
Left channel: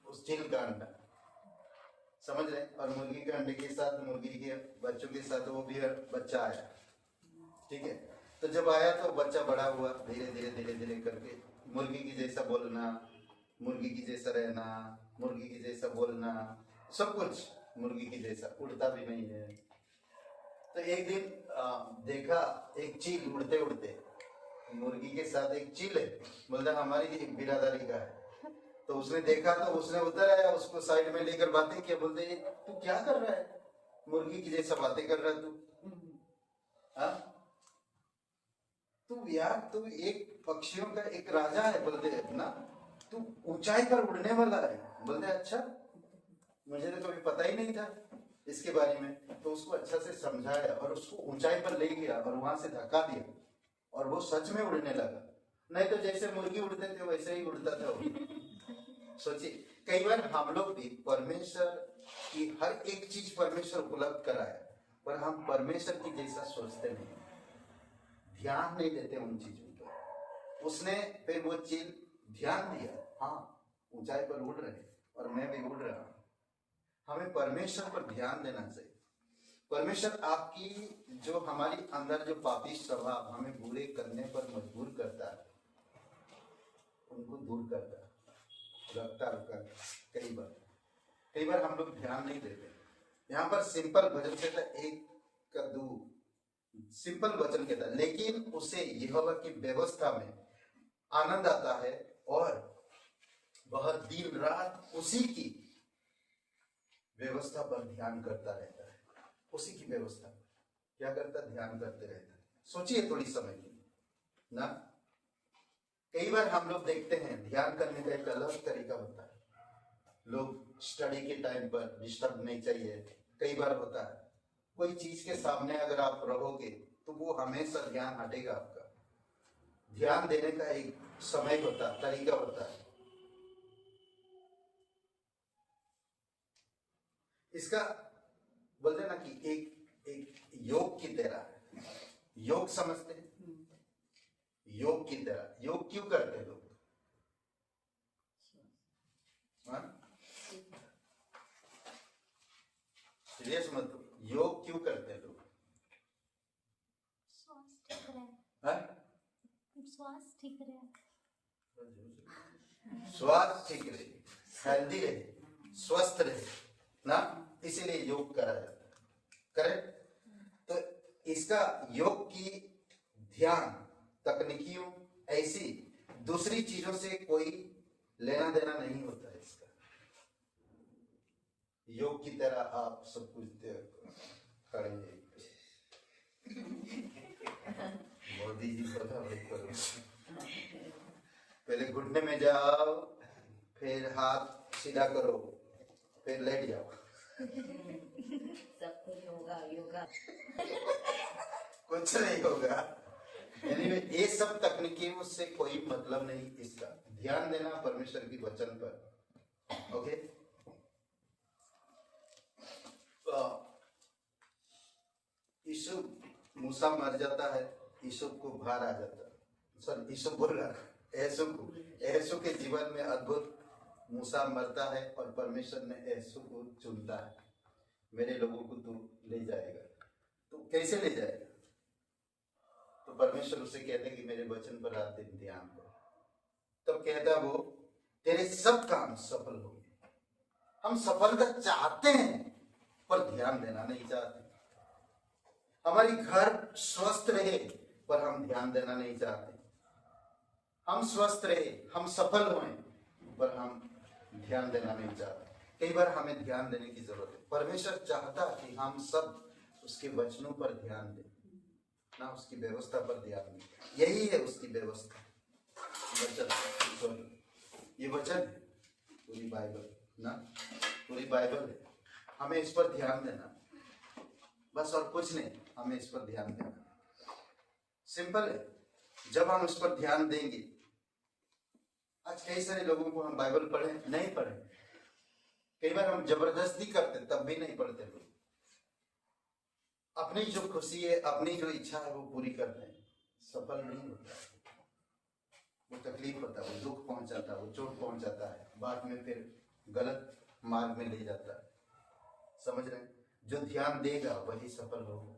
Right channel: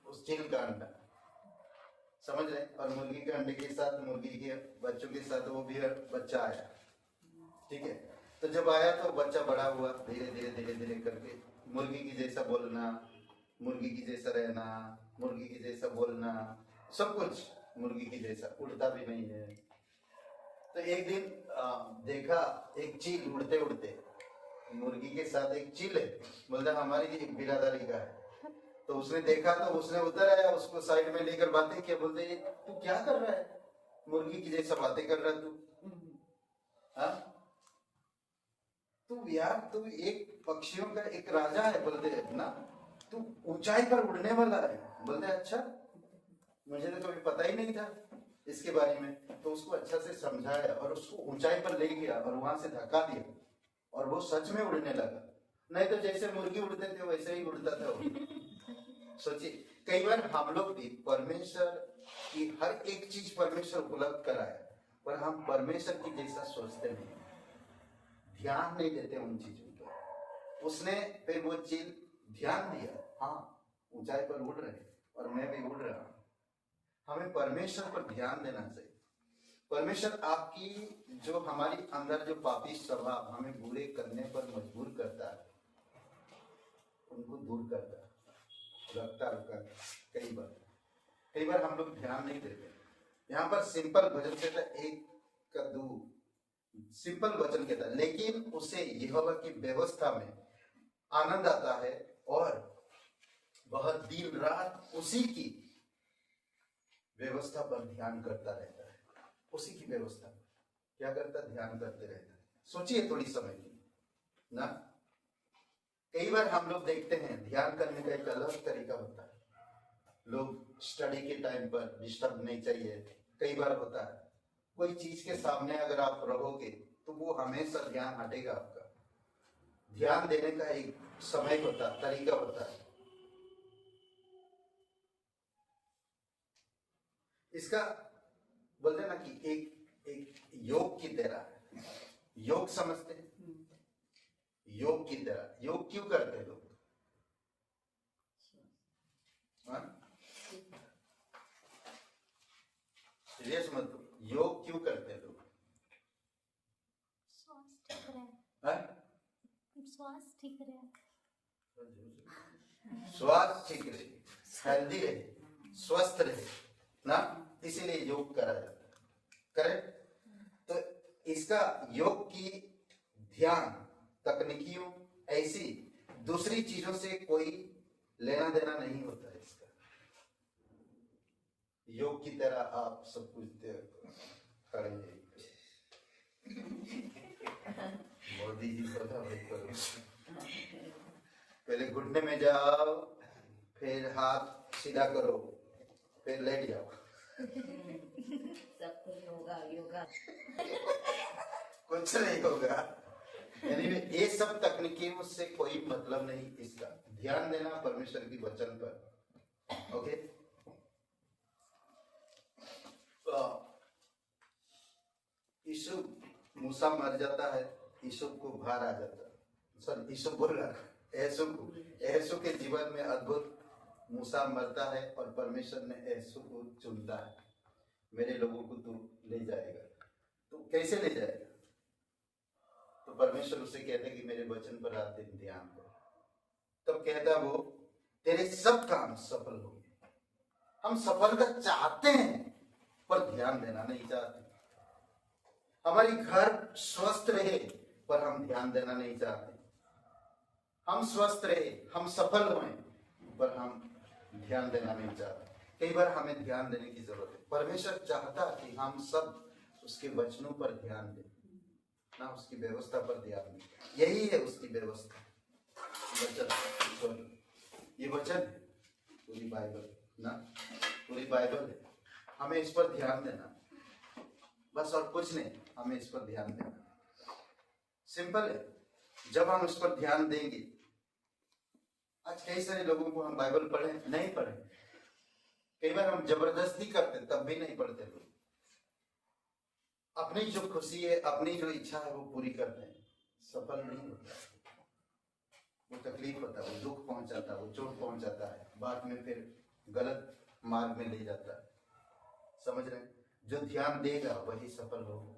उस चील का अंडा, समझ रहे? और मुर्गी के अंडे के साथ, मुर्गी के बच्चों के साथ वो भी बच्चा आया, ठीक है। तो जब आया तो बच्चा बड़ा हुआ, धीरे धीरे धीरे धीरे करके मुर्गी की जैसा बोलना, मुर्गी की जैसा रहना, मुर्गी की जैसा बोलना, सब कुछ मुर्गी की जैसा, उड़ता भी नहीं है। तो एक दिन देखा एक चील उड़ते उड़ते, मुर्गी के साथ एक चील है, मतलब हमारी एक बिरादरी का है। तो उसने देखा तो उसने उतर आया, उसको साइड में लेकर बातें किया, बोलते तू क्या कर रहा है, मुर्गी की जैसा बातें कर रहा है तू, हाँ? तू यार, तू एक पक्षियों का एक राजा है, बोलते ना, तू ऊंचाई पर उड़ने वाला है। बोलते अच्छा, मुझे तो कभी पता ही नहीं था इसके बारे में। तो उसको अच्छा से समझाया और उसको ऊंचाई पर ले गया और वहां से धक्का दिया, और वो सच में उड़ने लगा। नहीं तो जैसे मुर्गी उड़ते थे वैसे ही उड़ता था वो। सोचिए, कई बार हम लोग भी परमेश्वर की हर एक चीज परमेश्वर उपलब्ध कराया, पर हम परमेश्वर की जैसा सोचते नहीं, ध्यान नहीं देते उन चीजों पर। उसने फिर वो चीज ध्यान दिया, हाँ ऊंचाई पर उड़ रहे और मैं भी उड़ रहा हूं। हमें परमेश्वर पर ध्यान देना चाहिए। परमेश्वर आपकी जो हमारी अंदर जो पापी स्वभाव हमें बुरे करने पर मजबूर करता है, उनको दूर करता है, लगता रुका। कई बार हम लोग ध्यान नहीं देते। यहाँ पर सिंपल वचन कहता है, एक कद्दू, सिंपल वचन कहता है, लेकिन उसे यहोवा की व्यवस्था में आनंद आता है और वह दिन रात उसी की व्यवस्था पर ध्यान करता रहता है। उसी की व्यवस्था क्या करता है? ध्यान करते रहता है। सोचिए थोड़ी समय की ना, कई बार हम लोग देखते हैं ध्यान करने का एक अलग तरीका होता है। लोग स्टडी के टाइम पर डिस्टर्ब नहीं चाहिए। कई बार होता है कोई चीज के सामने अगर आप रहोगे तो वो हमेशा ध्यान हटेगा आपका। ध्यान देने का एक समय होता है, तरीका होता है। इसका बोलते ना कि एक योग की तरह, योग समझते हैं? योग की तरह। योग क्यों करते हैं लोग? सीरियस मत हो, योग क्यों करते हैं लोग? स्वास्थ्य ठीक रहे, हेल्दी रहे, स्वस्थ रहे ना, इसीलिए योग करा जाता है। करेक्ट? तो इसका योग की ध्यान तकनीकियों ऐसी दूसरी चीजों से कोई लेना देना नहीं होता है। इसका योग की तरह आप सब कुछ खड़े मोदी जी पहले घुटने में जाओ, फिर हाथ सीधा करो, फिर लेट जाओ। सब कुछ होगा, योगा कुछ नहीं होगा। Anyway, ये सब तकनीकों से कोई मतलब नहीं। इसका ध्यान देना परमेश्वर की वचन पर। ओके, यीशु, मूसा मर जाता है, यीशु को भार आ जाता है। सर यीशु बोला यीशु के जीवन में अद्भुत, मूसा मरता है और परमेश्वर ने यीशु को चुनता है, मेरे लोगों को तू ले जाएगा। तो कैसे ले जाएगा? तो परमेश्वर उसे कहते हैं कि मेरे वचन पर रात दिन ध्यान दो। तब कहता वो तेरे सब काम सफल होंगे। हम सफलता चाहते हैं पर ध्यान देना नहीं चाहते। हमारी घर स्वस्थ रहे पर हम ध्यान देना नहीं चाहते। हम स्वस्थ रहे, हम सफल हों पर हम ध्यान देना नहीं चाहते। कई बार हमें ध्यान देने की जरूरत है। परमेश्वर चाहता कि हम सब उसके वचनों पर ध्यान दें, ना उसकी व्यवस्था पर ध्यान दें। यही है उसकी व्यवस्था। वचन, ये वचन पूरी बाइबल ना, पूरी बाइबल है, हमें इस पर ध्यान देना, बस और कुछ नहीं, हमें इस पर ध्यान देना। सिंपल है, जब हम इस पर ध्यान देंगे। आज कई सारे लोगों को हम बाइबल पढ़े नहीं पढ़े, कई बार हम जबरदस्ती करते तब भी नहीं पढ़ते लोग। अपनी जो खुशी है, अपनी जो इच्छा है वो पूरी करते हैं, सफल नहीं होता, वो तकलीफ होता है, वो दुख पहुंचाता है, वो चोट पहुंचाता है, बाद में फिर गलत मार्ग में ले जाता है। समझ रहे? जो ध्यान देगा वही सफल होगा।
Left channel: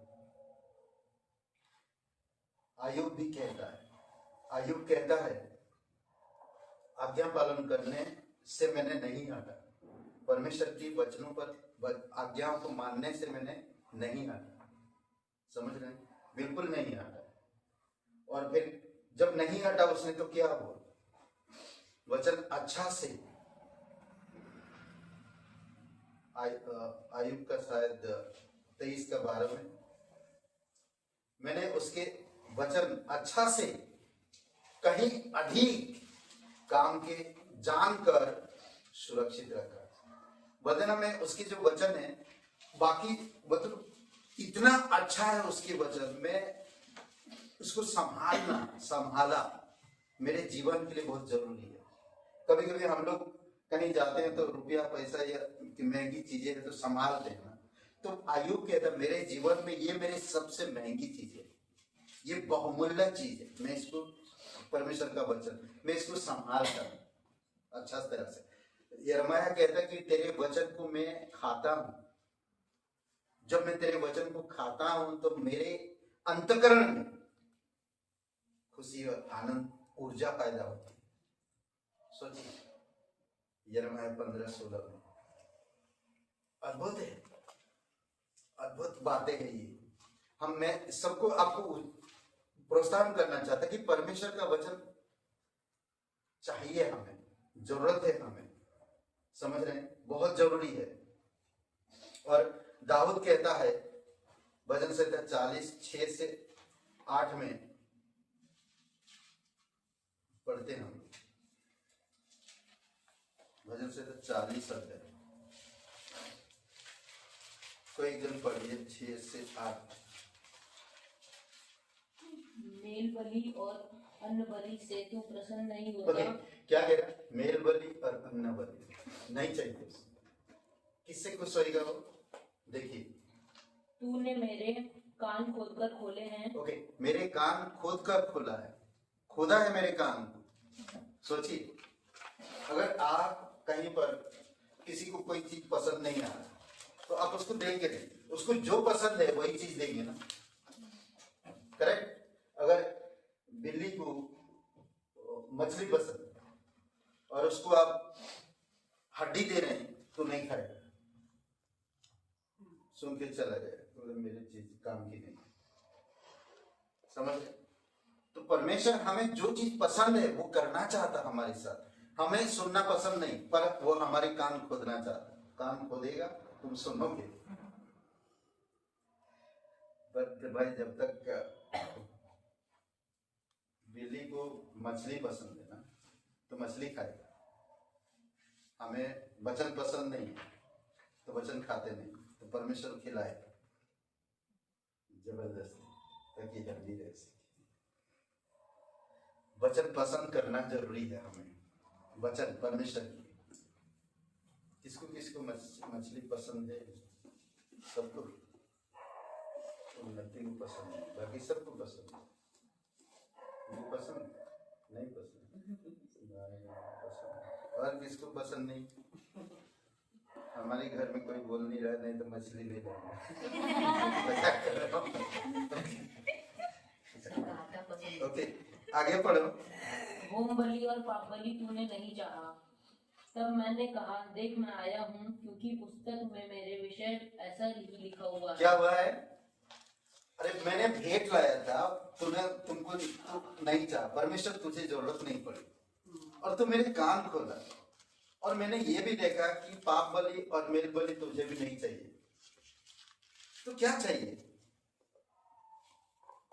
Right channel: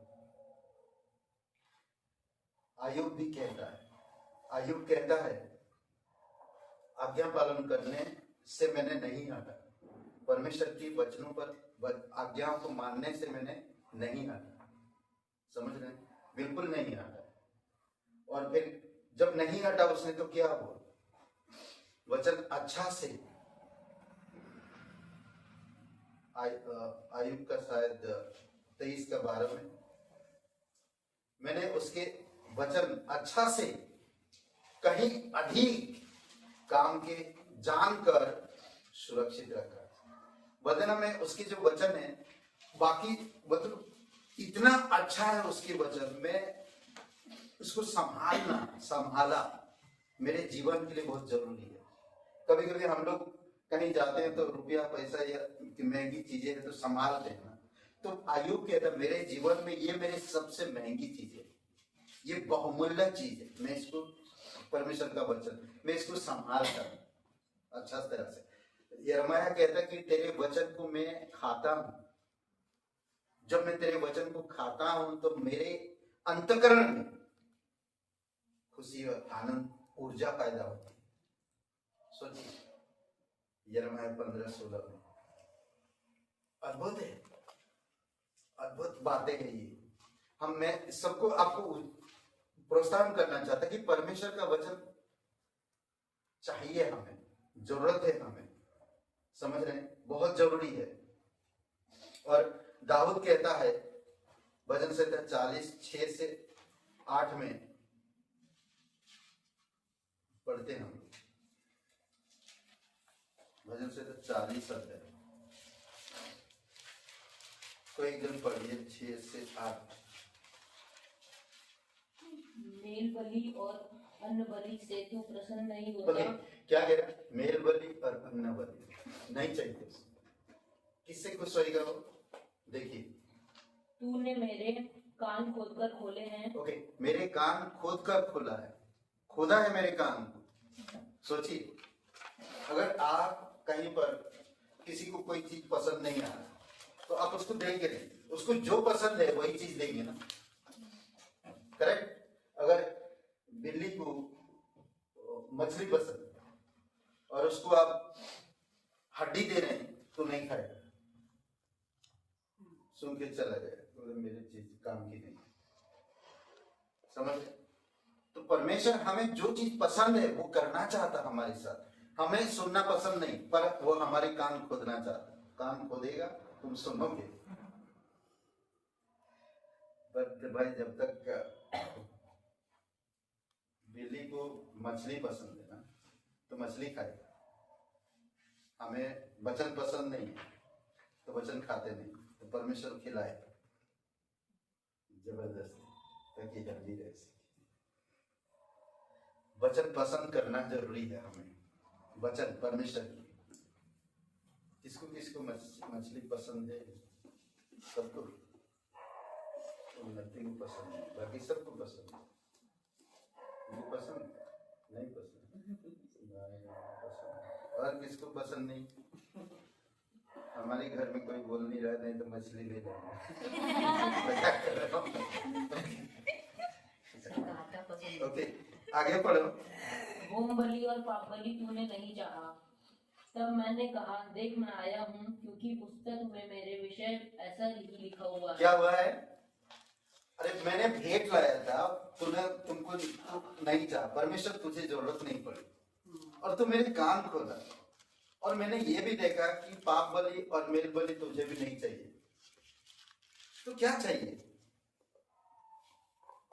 आयुब भी कहता है, आयुब कहता है आज्ञा पालन करने से मैंने नहीं हटा, परमेश्वर की वचनों पर आज्ञाओं को मानने से मैंने नहीं हटा। समझ रहे? बिल्कुल नहीं हटा। और फिर जब नहीं हटा उसने तो क्या बोला? वचन अच्छा से, आयुब का शायद 23:12 में, मैंने उसके वचन अच्छा से कहीं अधिक काम के जानकर सुरक्षित रखा। वचन में उसकी जो वचन है, बाकी मतलब इतना अच्छा है उसके वचन में, उसको संभाला मेरे जीवन के लिए बहुत जरूरी है। कभी कभी हम लोग कहीं जाते हैं तो रुपया पैसा या महंगी चीजें है तो संभालते हैं ना, तो आयुब कहता है मेरे जीवन में ये मेरी सबसे महंगी चीज है, ये बहुमूल्य चीज है, मैं इसको, परमेश्वर का वचन, मैं इसको संभालता हूं अच्छा तरह से। यिर्मयाह कहता है कि तेरे वचन को मैं खाता हूं, जब मैं तेरे वचन को खाता हूं तो मेरे अंतःकरण में खुशी और आनंद, ऊर्जा पैदा होती है। सोचिए, यिर्मयाह 15:16 में। अद्भुत है, अद्भुत बातें हैं ये। मैं सबको, आपको प्रोत्साहन करना चाहता कि परमेश्वर का वचन चाहिए, हमें जरूरत है, हमें, समझ रहे हैं, बहुत जरूरी है। और दाऊद कहता है भजन संहिता 40:6-8 में पढ़ते हैं हम, भजन संहिता 40 अध्याय, कोई एकदम पढ़िए 6-8। मेल बलि और अन्न बलि से तू प्रसन्न नहीं होता। क्या कह रहा? मेल बलि और अन्न बलि नहीं चाहिए। किससे खुश होएगा वो? देखिए, तूने मेरे कान खोदकर खोले हैं। ओके, मेरे कान खोद कर खोला है, खोदा है मेरे कान को। सोचिए, अगर आप कहीं पर किसी को कोई चीज पसंद नहीं आ रहा तो आप उसको देंगे नहीं, उसको जो पसंद है वही चीज देंगे ना, करेक्ट? अगर बिल्ली को मछली पसंद और उसको आप हड्डी दे रहे हैं तो नहीं खाएगा, सुन के चला जाएगा, तो मेरी चीज काम की नहीं। समझ? तो परमेश्वर हमें जो चीज पसंद है वो करना चाहता हमारे साथ, हमें सुनना पसंद नहीं, पर वो हमारे कान खोदना चाहता। कान खोदेगा तुम सुनोगे। पर भाई, जब तक बिल्ली को मछली पसंद है ना तो मछली खाएगा, हमें वचन पसंद नहीं है तो वचन खाते नहीं, तो परमेश्वर खिलाए जबरदस्ती ताकि जल्दी रह सके। वचन पसंद करना जरूरी है हमें, वचन परमेश्वर की। किसको किसको मछली पसंद है? सबको, उन्नति को पसंद है, बाकी सबको पसंद है। मुझे पसंद नहीं, पसंद और किसको पसंद नहीं? हमारे घर में कोई बोल नहीं रहा, नहीं तो मछली ले लें। ओके, आगे पढ़ो। होम बलि और पाप बलि तूने नहीं चाहा। तब मैंने कहा, देख मैं आया हूँ, क्योंकि पुस्तक में मेरे विषय ऐसा ही लिखा हुआ है। क्या हुआ है? अरे मैंने भेंट लाया था, तुमको नहीं चाहा, परमेश्वर तुझे जरूरत नहीं पड़ी और तू मेरे कान खोला, और मैंने ये भी देखा कि पाप बलि और मेल बलि तुझे भी नहीं चाहिए, तो क्या चाहिए?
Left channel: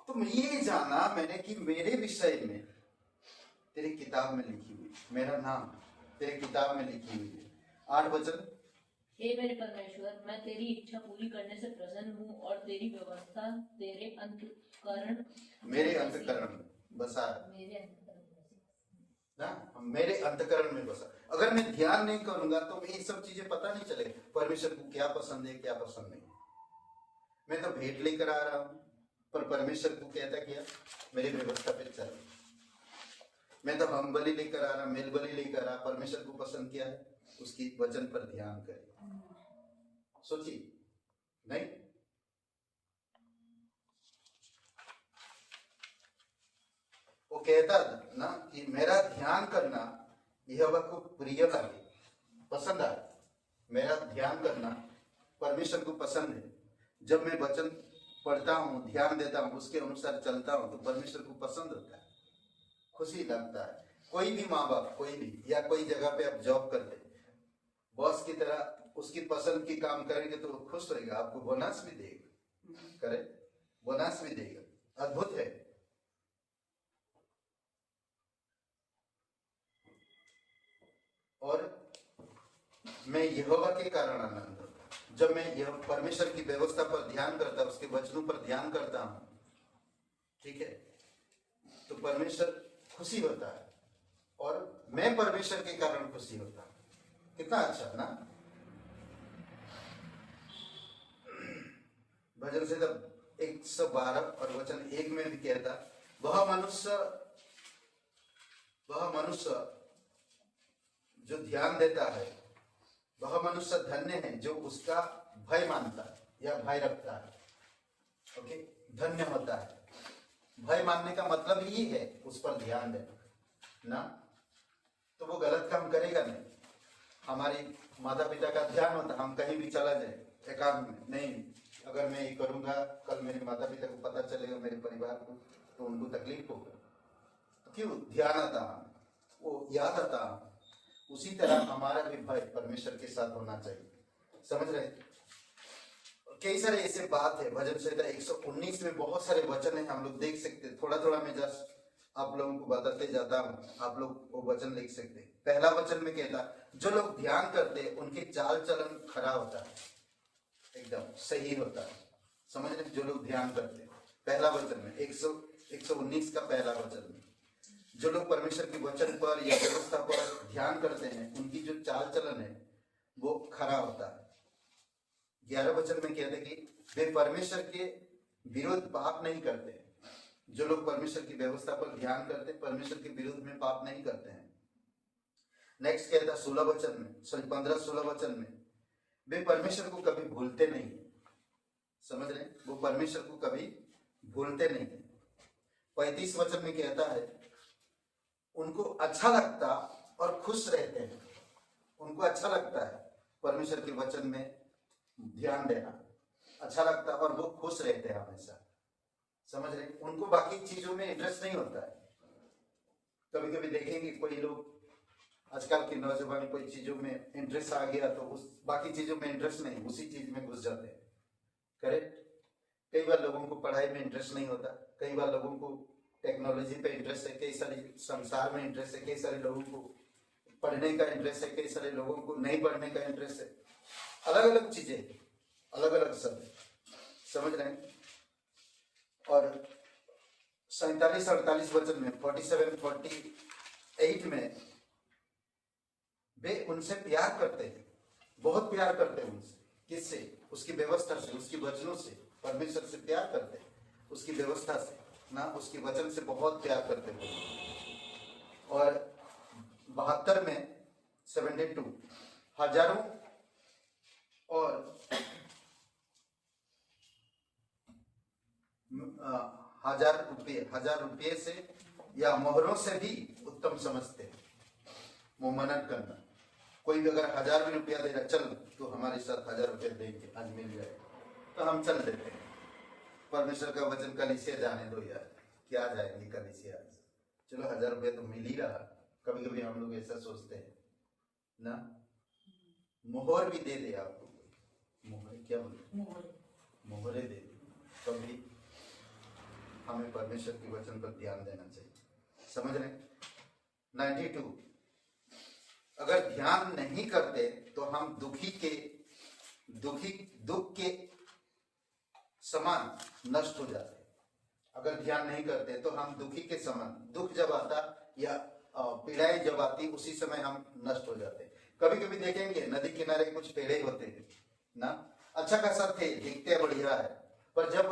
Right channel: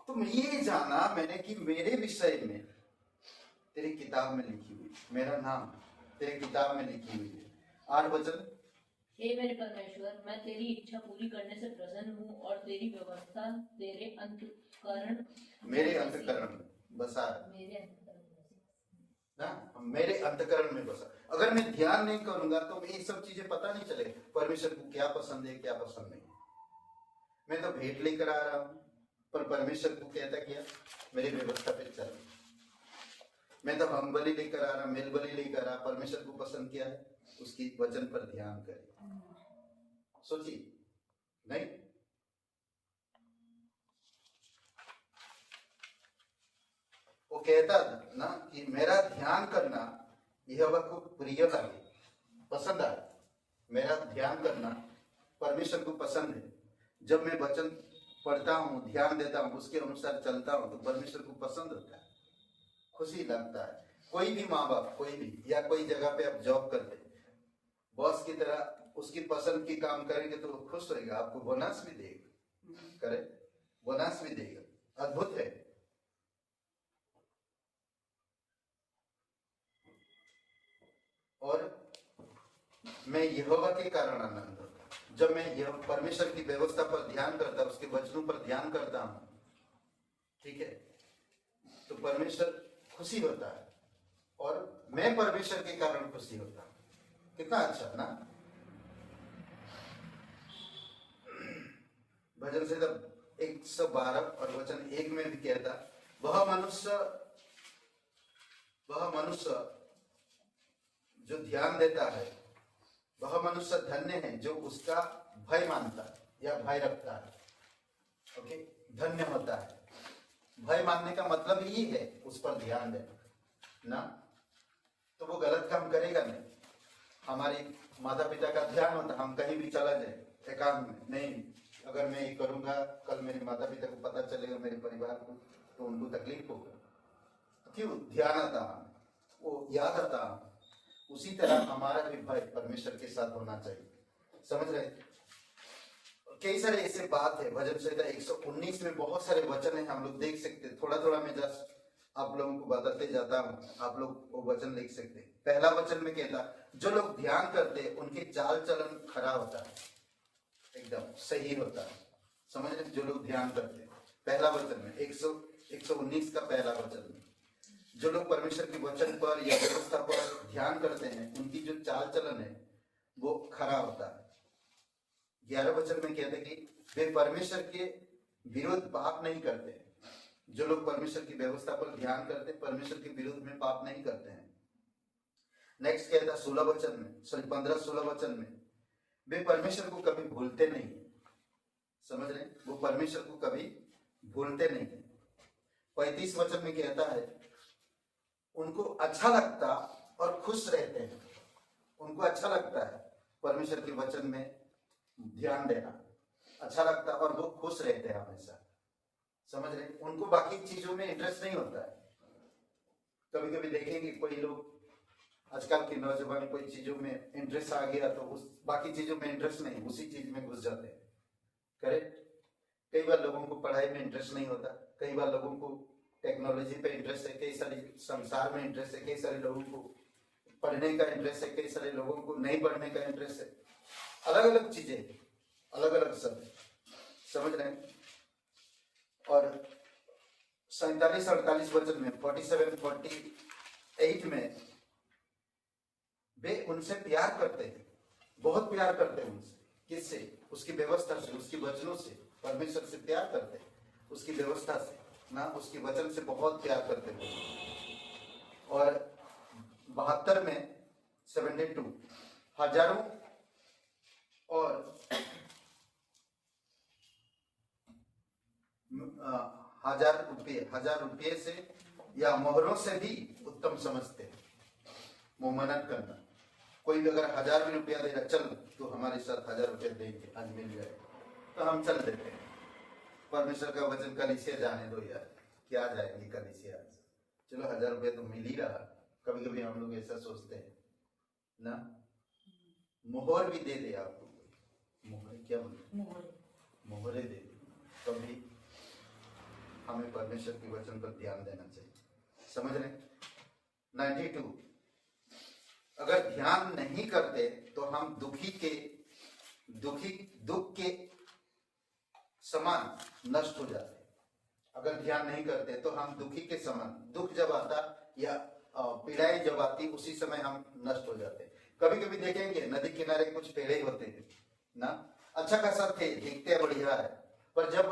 तुम ये जाना मैंने कि मेरे विषय में तेरी किताब में लिखी हुई, मेरा नाम तेरी किताब में लिखी हुई है। 8 वचन, हे मेरे परमेश्वर, मैं तेरी इच्छा पूरी करने से प्रसन्न हूँ और तेरी व्यवस्था तेरे अंतःकरण मेरे अंतःकरण बसा है मेरे अंतःकरण ना, मेरे अंतःकरण में बसा। अगर मैं ध्यान नहीं करूंगा तो ये सब चीजें पता नहीं चलेगा परमेश्वर को क्या पसंद है क्या पसंद नहीं। मैं तो भेंट लेकर आ रहा हूँ पर परमेश्वर को कहता क्या मेरी व्यवस्था पे चल। मैं तो हम बलि लेकर आ रहा, मेल बलि लेकर आ, परमेश्वर को पसंद क्या है उसकी वचन पर ध्यान करें। सोचिए नहीं, वो कहता ना कि मेरा ध्यान करना यहोवा को प्रिय लगे, पसंद आए। मेरा ध्यान करना परमेश्वर को पसंद है। जब मैं वचन पढ़ता हूँ, ध्यान देता हूँ, उसके अनुसार चलता हूँ तो परमेश्वर को पसंद होता है, खुशी लगता है। कोई भी माँ बाप, कोई भी या कोई जगह पे आप जॉब करते, बॉस की तरह उसकी पसंद की काम करेंगे तो वो खुश रहेगा, आपको बोनस भी देगा, करे बोनस भी देगा। अद्भुत है। और मैं यहोवा के कारण आनंद होता हूं। जब मैं यह परमेश्वर की व्यवस्था पर ध्यान करता, उसके वचनों पर ध्यान करता हूं, ठीक है, तो परमेश्वर खुशी होता है और मैं परमेश्वर के कारण खुशी होता हूं। कितना अच्छा ना। भजन से 112 और वचन 1 में भी कहता, वह मनुष्य जो ध्यान देता है, वह मनुष्य धन्य है जो उसका भय मानता है या भय रखता है। ओके, धन्य होता है। भय मानने का मतलब ही है उस पर ध्यान देना ना, तो वो गलत काम करेगा नहीं। हमारे माता पिता का ध्यान होता, हम कहीं भी चला जाए एकांत में नहीं, अगर मैं ये करूंगा कल मेरे माता पिता को पता चलेगा, मेरे परिवार को, तो उनको तकलीफ होगा, तो क्यों ध्यान आता, वो याद आता। उसी तरह हमारा भी भय परमेश्वर के साथ होना चाहिए। समझ रहे? कई सारे ऐसे बात है। भजन संहिता 119 में बहुत सारे वचन है, हम लोग देख सकते हैं। थोड़ा थोड़ा मैं जस्ट आप लोगों को बताते जाता हूँ, आप लोग वो वचन लिख सकते हैं। पहला वचन में कहता, जो लोग ध्यान करते हैं उनकी चाल चलन खरा होता है, एकदम सही होता है। समझ रहे? जो लोग ध्यान करते हैं, पहला वचन में 119 का पहला वचन में, जो लोग परमेश्वर के वचन पर या व्यवस्था पर ध्यान करते हैं उनकी जो चाल चलन है वो खरा होता है। 11 वचन में कहते कि वे परमेश्वर के विरुद्ध पाप नहीं करते। जो लोग परमेश्वर की व्यवस्था पर ध्यान करते, परमेश्वर के विरुद्ध में पाप नहीं करते हैं। नेक्स्ट कहता 16 वचन में, सॉरी 15-16 वचन में, वे परमेश्वर को कभी भूलते नहीं। समझ रहे? वो परमेश्वर को कभी भूलते नहीं। 35 वचन में कहता है, उनको अच्छा लगता और खुश रहते हैं। उनको अच्छा लगता है परमेश्वर के वचन में ध्यान देना, अच्छा लगता है और वो खुश रहते हैं हमेशा। समझ रहे? उनको बाकी चीजों में इंटरेस्ट नहीं होता है। कभी कभी देखेंगे कोई लोग, आजकल के नौजवान, कोई चीजों में इंटरेस्ट आ गया तो उस बाकी चीजों में इंटरेस्ट नहीं, उसी चीज में घुस जाते हैं। करेक्ट? कई बार लोगों को पढ़ाई में इंटरेस्ट नहीं होता, कई बार लोगों को टेक्नोलॉजी पे इंटरेस्ट है, कई सारे संसार में इंटरेस्ट है, कई सारे लोगों को पढ़ने का इंटरेस्ट है, कई सारे लोगों को नहीं पढ़ने का इंटरेस्ट है। अलग अलग चीजें, अलग अलग सब, समझ रहे हैं? और 47-48 वचन में, 47-48 में, वे उनसे प्यार करते हैं, बहुत प्यार करते हैं उनसे। किससे? उसकी व्यवस्था से, उसकी वचनों से। परमेश्वर से प्यार करते हैं, उसकी व्यवस्था से ना, उसकी वचन से बहुत प्यार करते हैं। और 72 में 72 हजारों और हजार रुपये से या मोहरों से भी उत्तम समझते हैं। मोमनन करना, कोई भी अगर 1000 भी रुपया दे रहा, चल तो हमारे साथ 1000 रुपये देंगे, आज मिल जाए, तो हम चल देते हैं। परमेश्वर का वचन कलीसिया जाने दो यार, क्या जाएंगे कलीसिया, चलो 1000 रुपये तो मिल ही रहा। कभी कभी हम लोग ऐसा सोचते हैं ना। मोहर भी दे दे आपको, मोहर क्या बोलते, मोहरे दे दे। कभी हमें परमेश्वर के वचन पर ध्यान देना चाहिए। समझ रहे? 92 अगर ध्यान नहीं करते तो हम दुखी के दुख के समान नष्ट हो जाते हैं। अगर ध्यान नहीं करते तो हम दुखी के समान, दुख जब आता या पीड़ाएं जब आती उसी समय हम नष्ट हो जाते हैं। कभी कभी देखेंगे नदी किनारे कुछ पेड़ ही होते हैं ना, अच्छा खासा थे, दिखते बढ़िया है, पर जब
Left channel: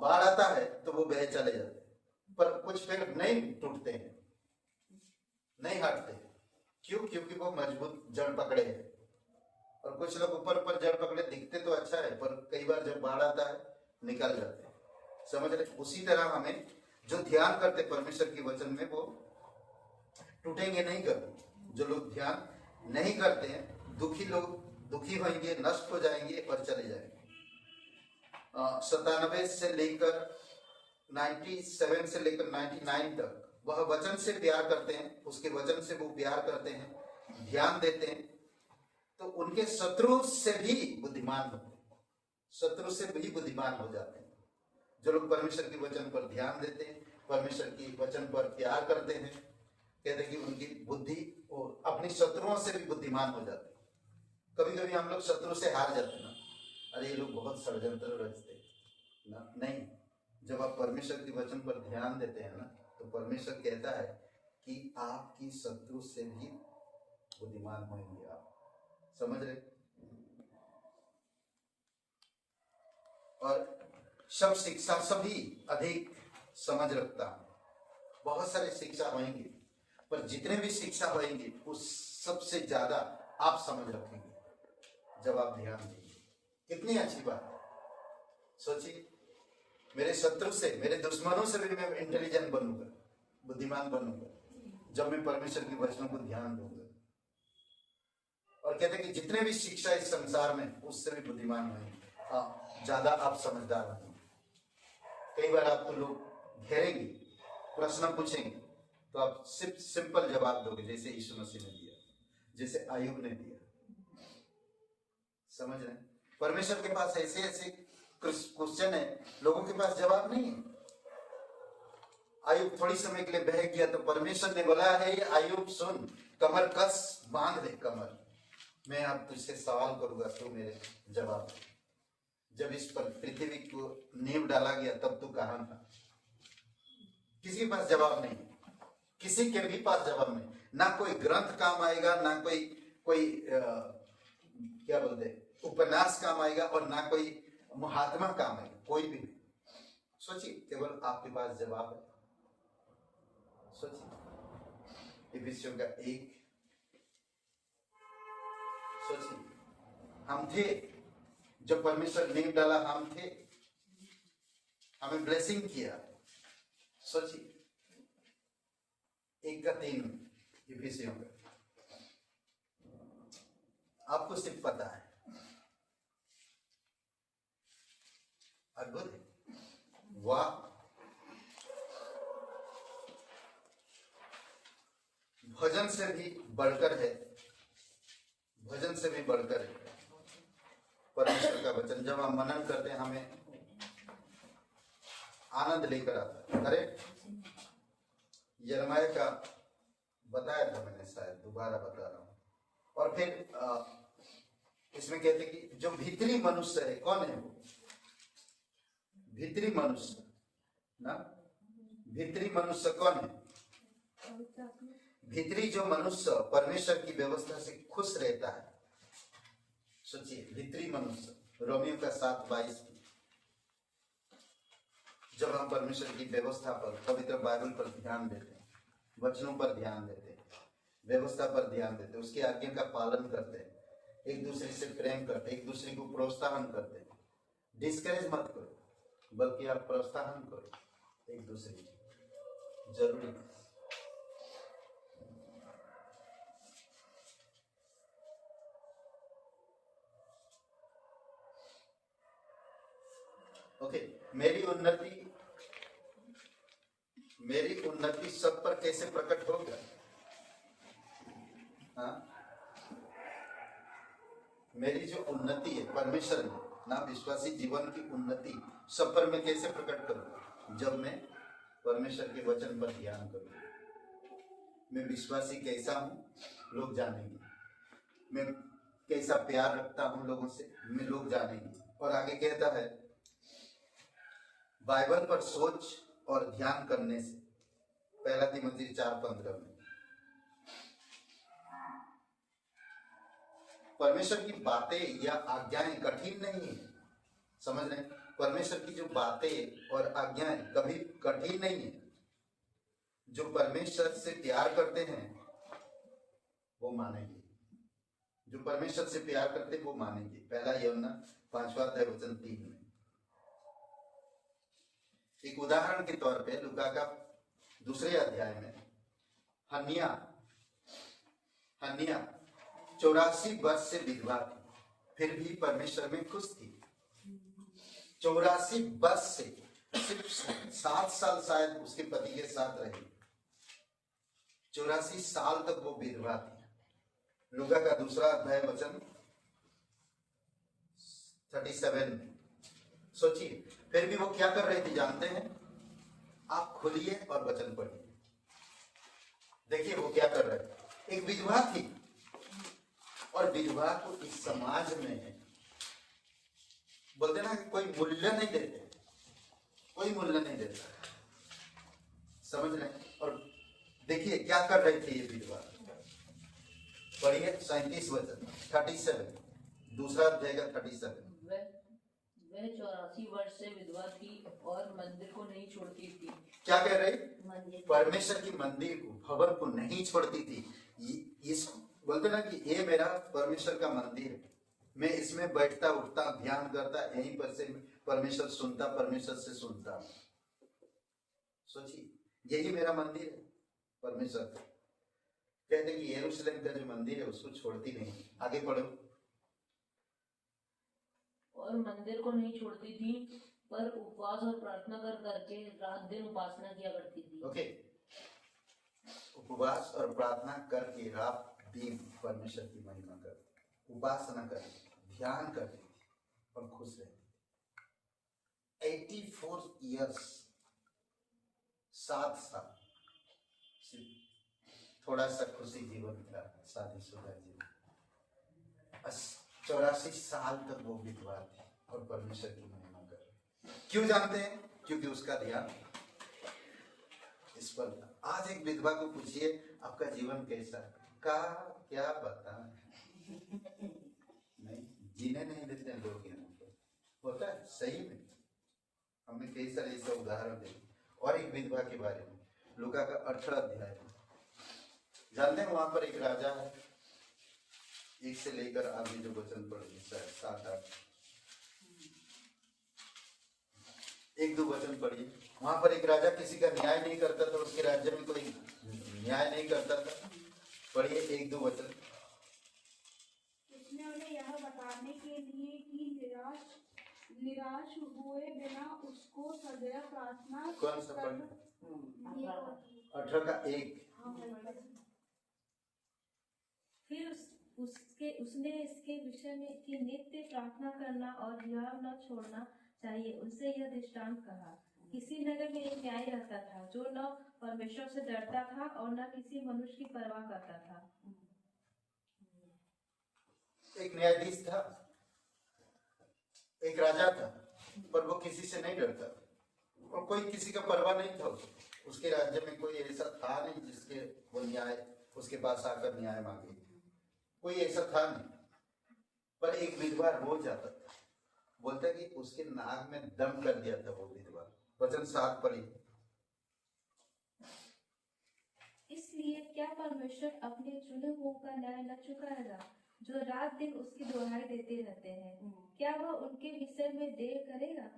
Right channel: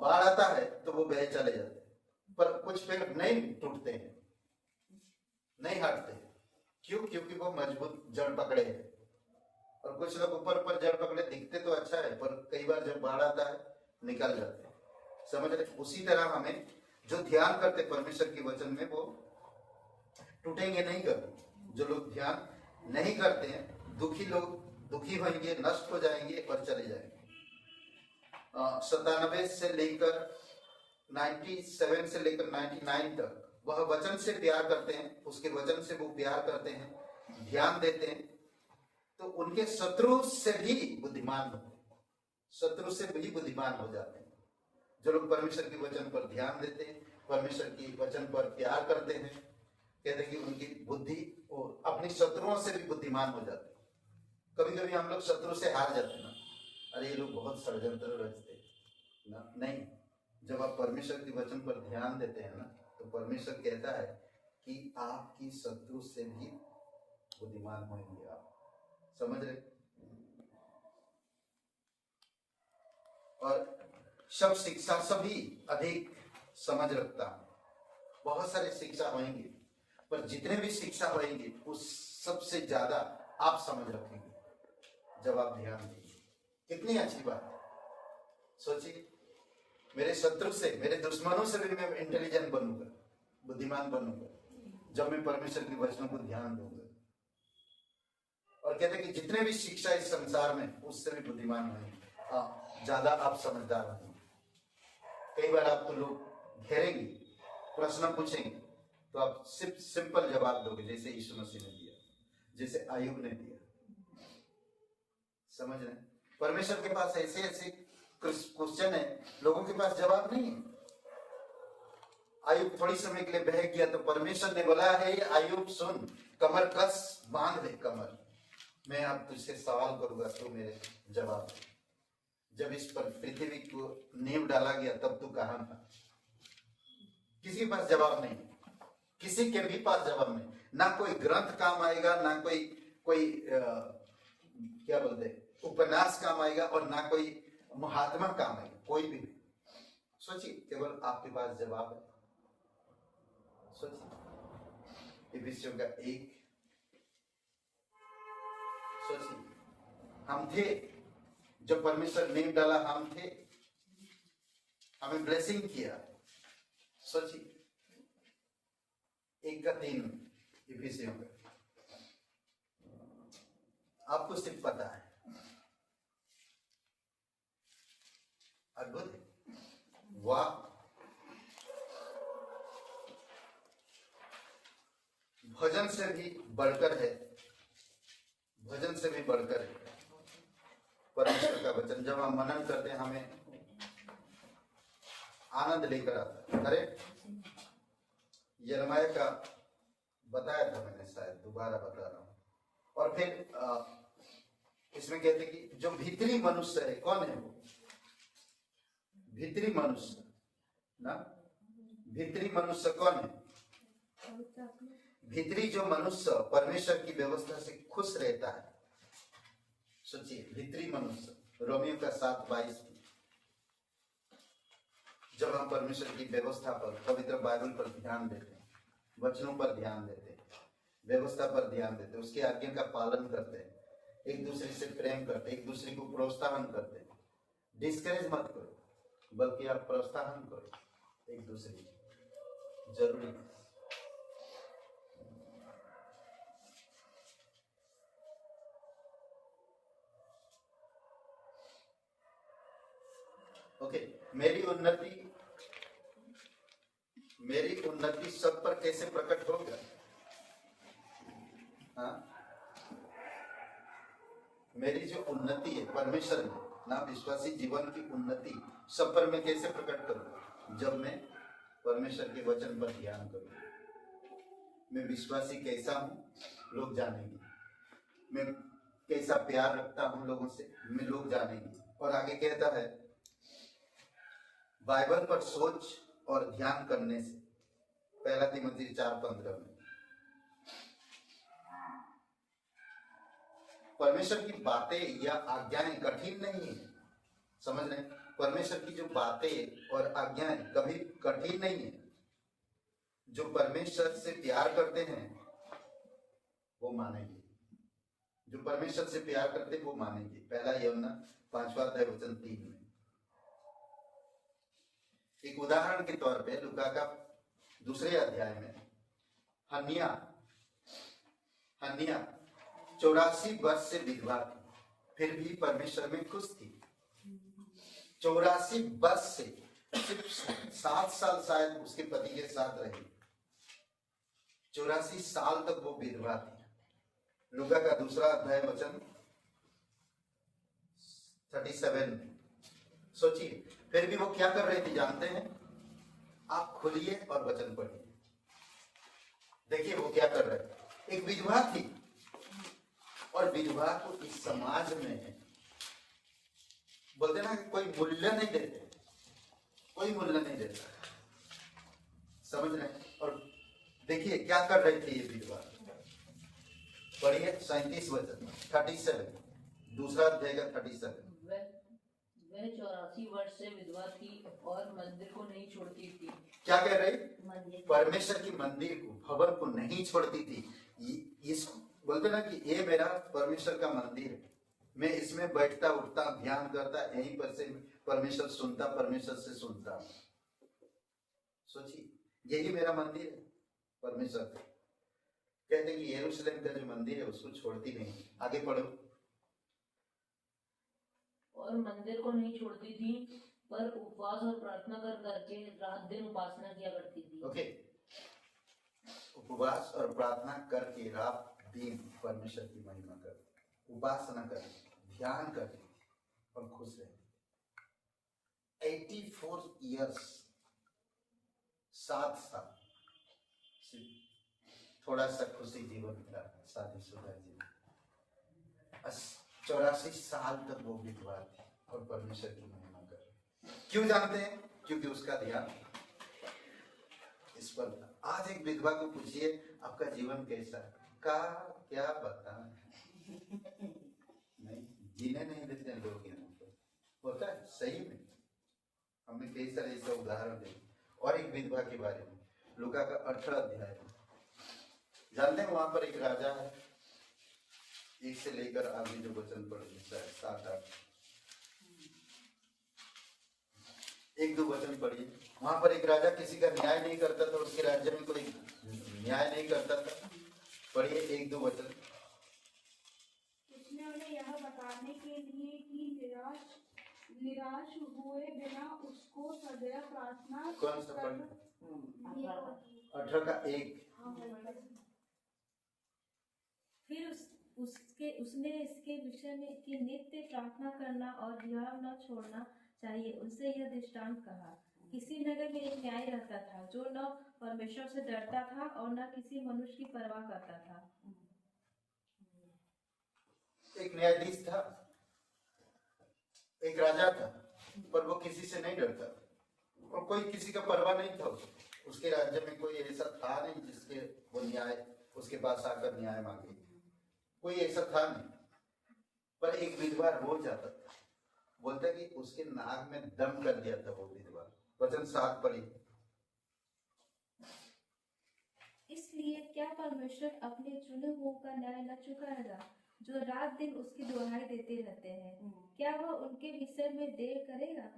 बाढ़ आता है तो वो बह चले जाते हैं। पर कुछ पेड़ नहीं टूटते हैं, नहीं हटते हैं। क्यों? क्योंकि वो मजबूत जड़ पकड़े हैं। और कुछ लोग ऊपर ऊपर जड़ पकड़े, दिखते तो अच्छा है पर कई बार जब बाढ़ आता है निकल जाते हैं। समझ रहे? उसी तरह हमें जो ध्यान करते परमेश्वर के वचन में वो टूटेंगे नहीं कभी। जो लोग ध्यान नहीं करते हैं, दुखी लोग दुखी होंगे, नष्ट हो जाएंगे और चले जाएंगे। 97 से लेकर 97 से लेकर 99 तक वह वचन से प्यार करते हैं, उसके वचन से वो प्यार करते हैं, ध्यान देते हैं, तो उनके शत्रु से भी बुद्धिमान होते हैं, शत्रु से भी बुद्धिमान हो जाते हैं। जो लोग परमेश्वर के वचन पर ध्यान देते हैं, परमेश्वर के वचन पर प्यार करते हैं, कहते हैं कि उनकी बुद्धि और अपने शत्रुओं से भी बुद्धिमान हो जाते हैं। कभी कभी हम लोग शत्रु से हार जाते हैं ना, अरे ये लोग बहुत षड्यंत्र रचते ना, नहीं। जब आप परमेश्वर के वचन पर ध्यान देते हैं ना, तो परमेश्वर कहता है कि आपकी शत्रु से भी बुद्धिमान होंगे आप। समझ रहे? और सब शिक्षा सभी अधिक समझ रखता है। बहुत सारे शिक्षा होंगे, पर जितने भी शिक्षा होंगे उस सबसे ज्यादा आप समझ रखेंगे जब आप ध्यान देंगे। कितनी अच्छी बात है। सोचिए, मेरे शत्रु से, मेरे दुश्मनों से भी मैं इंटेलिजेंट बनूंगा, बुद्धिमान बनूंगा, जब मैं परमेश्वर के वचनों को ध्यान दूंगा। और कहते हैं कि जितने भी शिक्षा इस संसार में, उससे भी बुद्धिमान होंगे, ज्यादा आप समझदार बनेंगे। कई बार आपको लोग घेरेंगे, प्रश्न पूछेंगे, तो आप सिर्फ सिंपल जवाब दोगे, जैसे यीशु मसीह ने दिया, जैसे आयुब ने दिया। समझ रहे? परमेश्वर के पास ऐसे ऐसे क्वेश्चन है, लोगों के पास जवाब नहीं है। आयुब थोड़ी समय के लिए बह गया तो परमेश्वर ने बोला है, आयुब सुन, कमर कस, बांध ले कमर, मैं अब तुझसे सवाल करूंगा, तू मेरे जवाब दे। जब इस पर पृथ्वी को नींव डाला गया तब तू कहां था? किसी के पास जवाब नहीं, किसी के भी पास जवाब नहीं। ना कोई ग्रंथ काम आएगा, ना कोई क्या बोलते उपन्यास काम आएगा, और ना कोई महात्मा काम आएगा, कोई भी नहीं। सोचिए, केवल आपके पास जवाब है। सोचिए, इफिसियों का 1। सोचिए, हम थे जब परमेश्वर ने डाला, हम थे, हमें ब्लेसिंग किया। सोचिए, 1:3 इफिसियों का, आपको सिर्फ पता है। अद्भुत है, वाह। भजन से भी बढ़कर है, भजन से भी बढ़कर है परमेश्वर का वचन। जब हम मनन करते हैं, हमें आनंद लेकर आता है। करेक्ट? यिर्मयाह का बताया था मैंने, शायद दोबारा बता रहा हूं। और फिर इसमें कहते हैं कि जो भीतरी मनुष्य है, कौन है वो? भीतरी मनुष्य ना, भीतरी मनुष्य कौन है? भीतरी जो मनुष्य परमेश्वर की व्यवस्था से खुश रहता है। सोचिए, भीतरी मनुष्य, रोमियो का 7:22। जब हम परमेश्वर की व्यवस्था पर, पवित्र बाइबल पर ध्यान देते हैं, वचनों पर ध्यान देते हैं, व्यवस्था पर ध्यान देते हैं, उसकी आज्ञा का पालन करते हैं, एक दूसरे से प्रेम करते हैं, एक दूसरे को प्रोत्साहन करते हैं। डिस्करेज मत करो, बल्कि आप प्रोत्साहन करो एक दूसरे को। जरूरी है। ओके, मेरी उन्नति सब पर कैसे प्रकट होगा? हाँ, मेरी जो उन्नति है परमेश्वर में ना, विश्वासी जीवन की उन्नति सब पर मैं कैसे प्रकट करूं? जब मैं परमेश्वर के वचन पर ध्यान करूं। मैं विश्वासी कैसा हूं लोग जानेंगे। मैं कैसा प्यार रखता हूं लोगों से, मैं लोग जानेंगे। और आगे कहता है, बाइबल पर सोच और ध्यान करने से, पहला तिमोथी 4:15 में, परमेश्वर की बातें या आज्ञाएं कठिन नहीं है। समझ रहे हैं? परमेश्वर की जो बातें और आज्ञाएं कभी कठिन नहीं है। जो परमेश्वर से प्यार करते हैं वो मानेंगे, जो परमेश्वर से प्यार करते हैं वो मानेंगे। पहला यूहन्ना 5:3 में। एक उदाहरण के तौर पे लूका का 2 अध्याय में हन्निया 84 वर्ष से विधवा थी, फिर भी परमेश्वर में खुश थी। 84 वर्ष से, सिर्फ 7 साल शायद उसके पति के साथ रही, 84 साल तक वो विधवा थी। लूका का 2 अध्याय वचन 37 में। सोचिए, फिर भी वो क्या कर रही थी जानते हैं? आप खुलिए और वचन पढ़िए, देखिए वो क्या कर रहे थे। एक विधवा थी और विधवा को इस समाज में बोलते ना कि कोई मूल्य नहीं देते, कोई मूल्य नहीं देता। समझ रहे हैं? और देखिए क्या कर रही थी ये विधवा। पढ़िए 37 वचन 37, 2 अध्याय का 37। वह 84 वर्ष से विधवा थी और मंदिर को नहीं छोड़ती थी। क्या कह रही? परमेश्वर की मंदिर को, भवन को नहीं छोड़ती थी। इस बोलते ना कि ये मेरा परमेश्वर का मंदिर है, मैं इसमें बैठता उठता ध्यान करता, यहीं पर से परमेश्वर सुनता, परमेश्वर से सुनता। सोचिए, यही मेरा मंदिर है परमेश्वर का। कहते हैं कि यरूशलेम का जो मंदिर है उसको छोड़ती नहीं। आगे पढ़ो। और मंदिर को नहीं छोड़ती थी, पर उपवास और प्रार्थना करके रात दिन उपासना किया करती थी। ओके, उपवास और प्रार्थना करके रात दिन परमेश्वर की महिमा कर, उपासना कर, ध्यान करते और खुश रहे। 84 ईयर्स, 7 साल, थोड़ा सा खुशी जीवन था, शादीशुदा जीवन। 84 साल तक वो विधवा थी और परमेश्वर की महिमा कर। क्यों जानते हैं? क्योंकि उसका ध्यान इस पर था। आज एक विधवा को पूछिए आपका जीवन कैसा है, का क्या पता नहीं, जीने नहीं देते लोग यहाँ पे। होता है सही में, हमने कई सारे ऐसे उदाहरण देखे। और एक विधवा के बारे में लूका का 18 अध्याय, जानते हैं वहां पर एक राजा है, 1 से लेकर आगे जो वचन पढ़े 7-8, 1-2 वचन पढ़िए। वहां पर एक राजा किसी का न्याय नहीं करता था, उसके राज्य में कोई न्याय नहीं करता था। पढ़िए 1-2 वचन। उसने उन्हें यह बताने के लिए कि निराश हुए बिना उसको सदैव प्रार्थना कौन सा पढ़? करना। 18 का 1। फिर उसने इसके विषय में कि नित्य प्रार्थना करना और ध्यान न छोड़ना चाहिए, उससे यह दृष्टांत कहा। किसी नगर में एक न्याय रहता था जो न परमेश्वर से डरता था और न किसी मनुष्य की परवाह करता था। एक न्यायाधीश था, एक राजा था, पर वो किसी से नहीं डरता और कोई किसी का परवाह नहीं था। उसके राज्य में कोई ऐसा था नहीं जिसके वो न्याय उसके पास आकर न्याय मांगे, कोई ऐसा था नहीं। पर एक विधवा रोज आता था, बोलते कि उसके नाक में दम कर दिया था वो विधवा। वचन 7 पढ़े। इसलिए क्या परमेश्वर अपने चुने हुओं का न्याय न चुकाएगा जो रात दिन उसकी दुहाई देते रहते हैं? क्या वह उनके विषय में देर करेगा?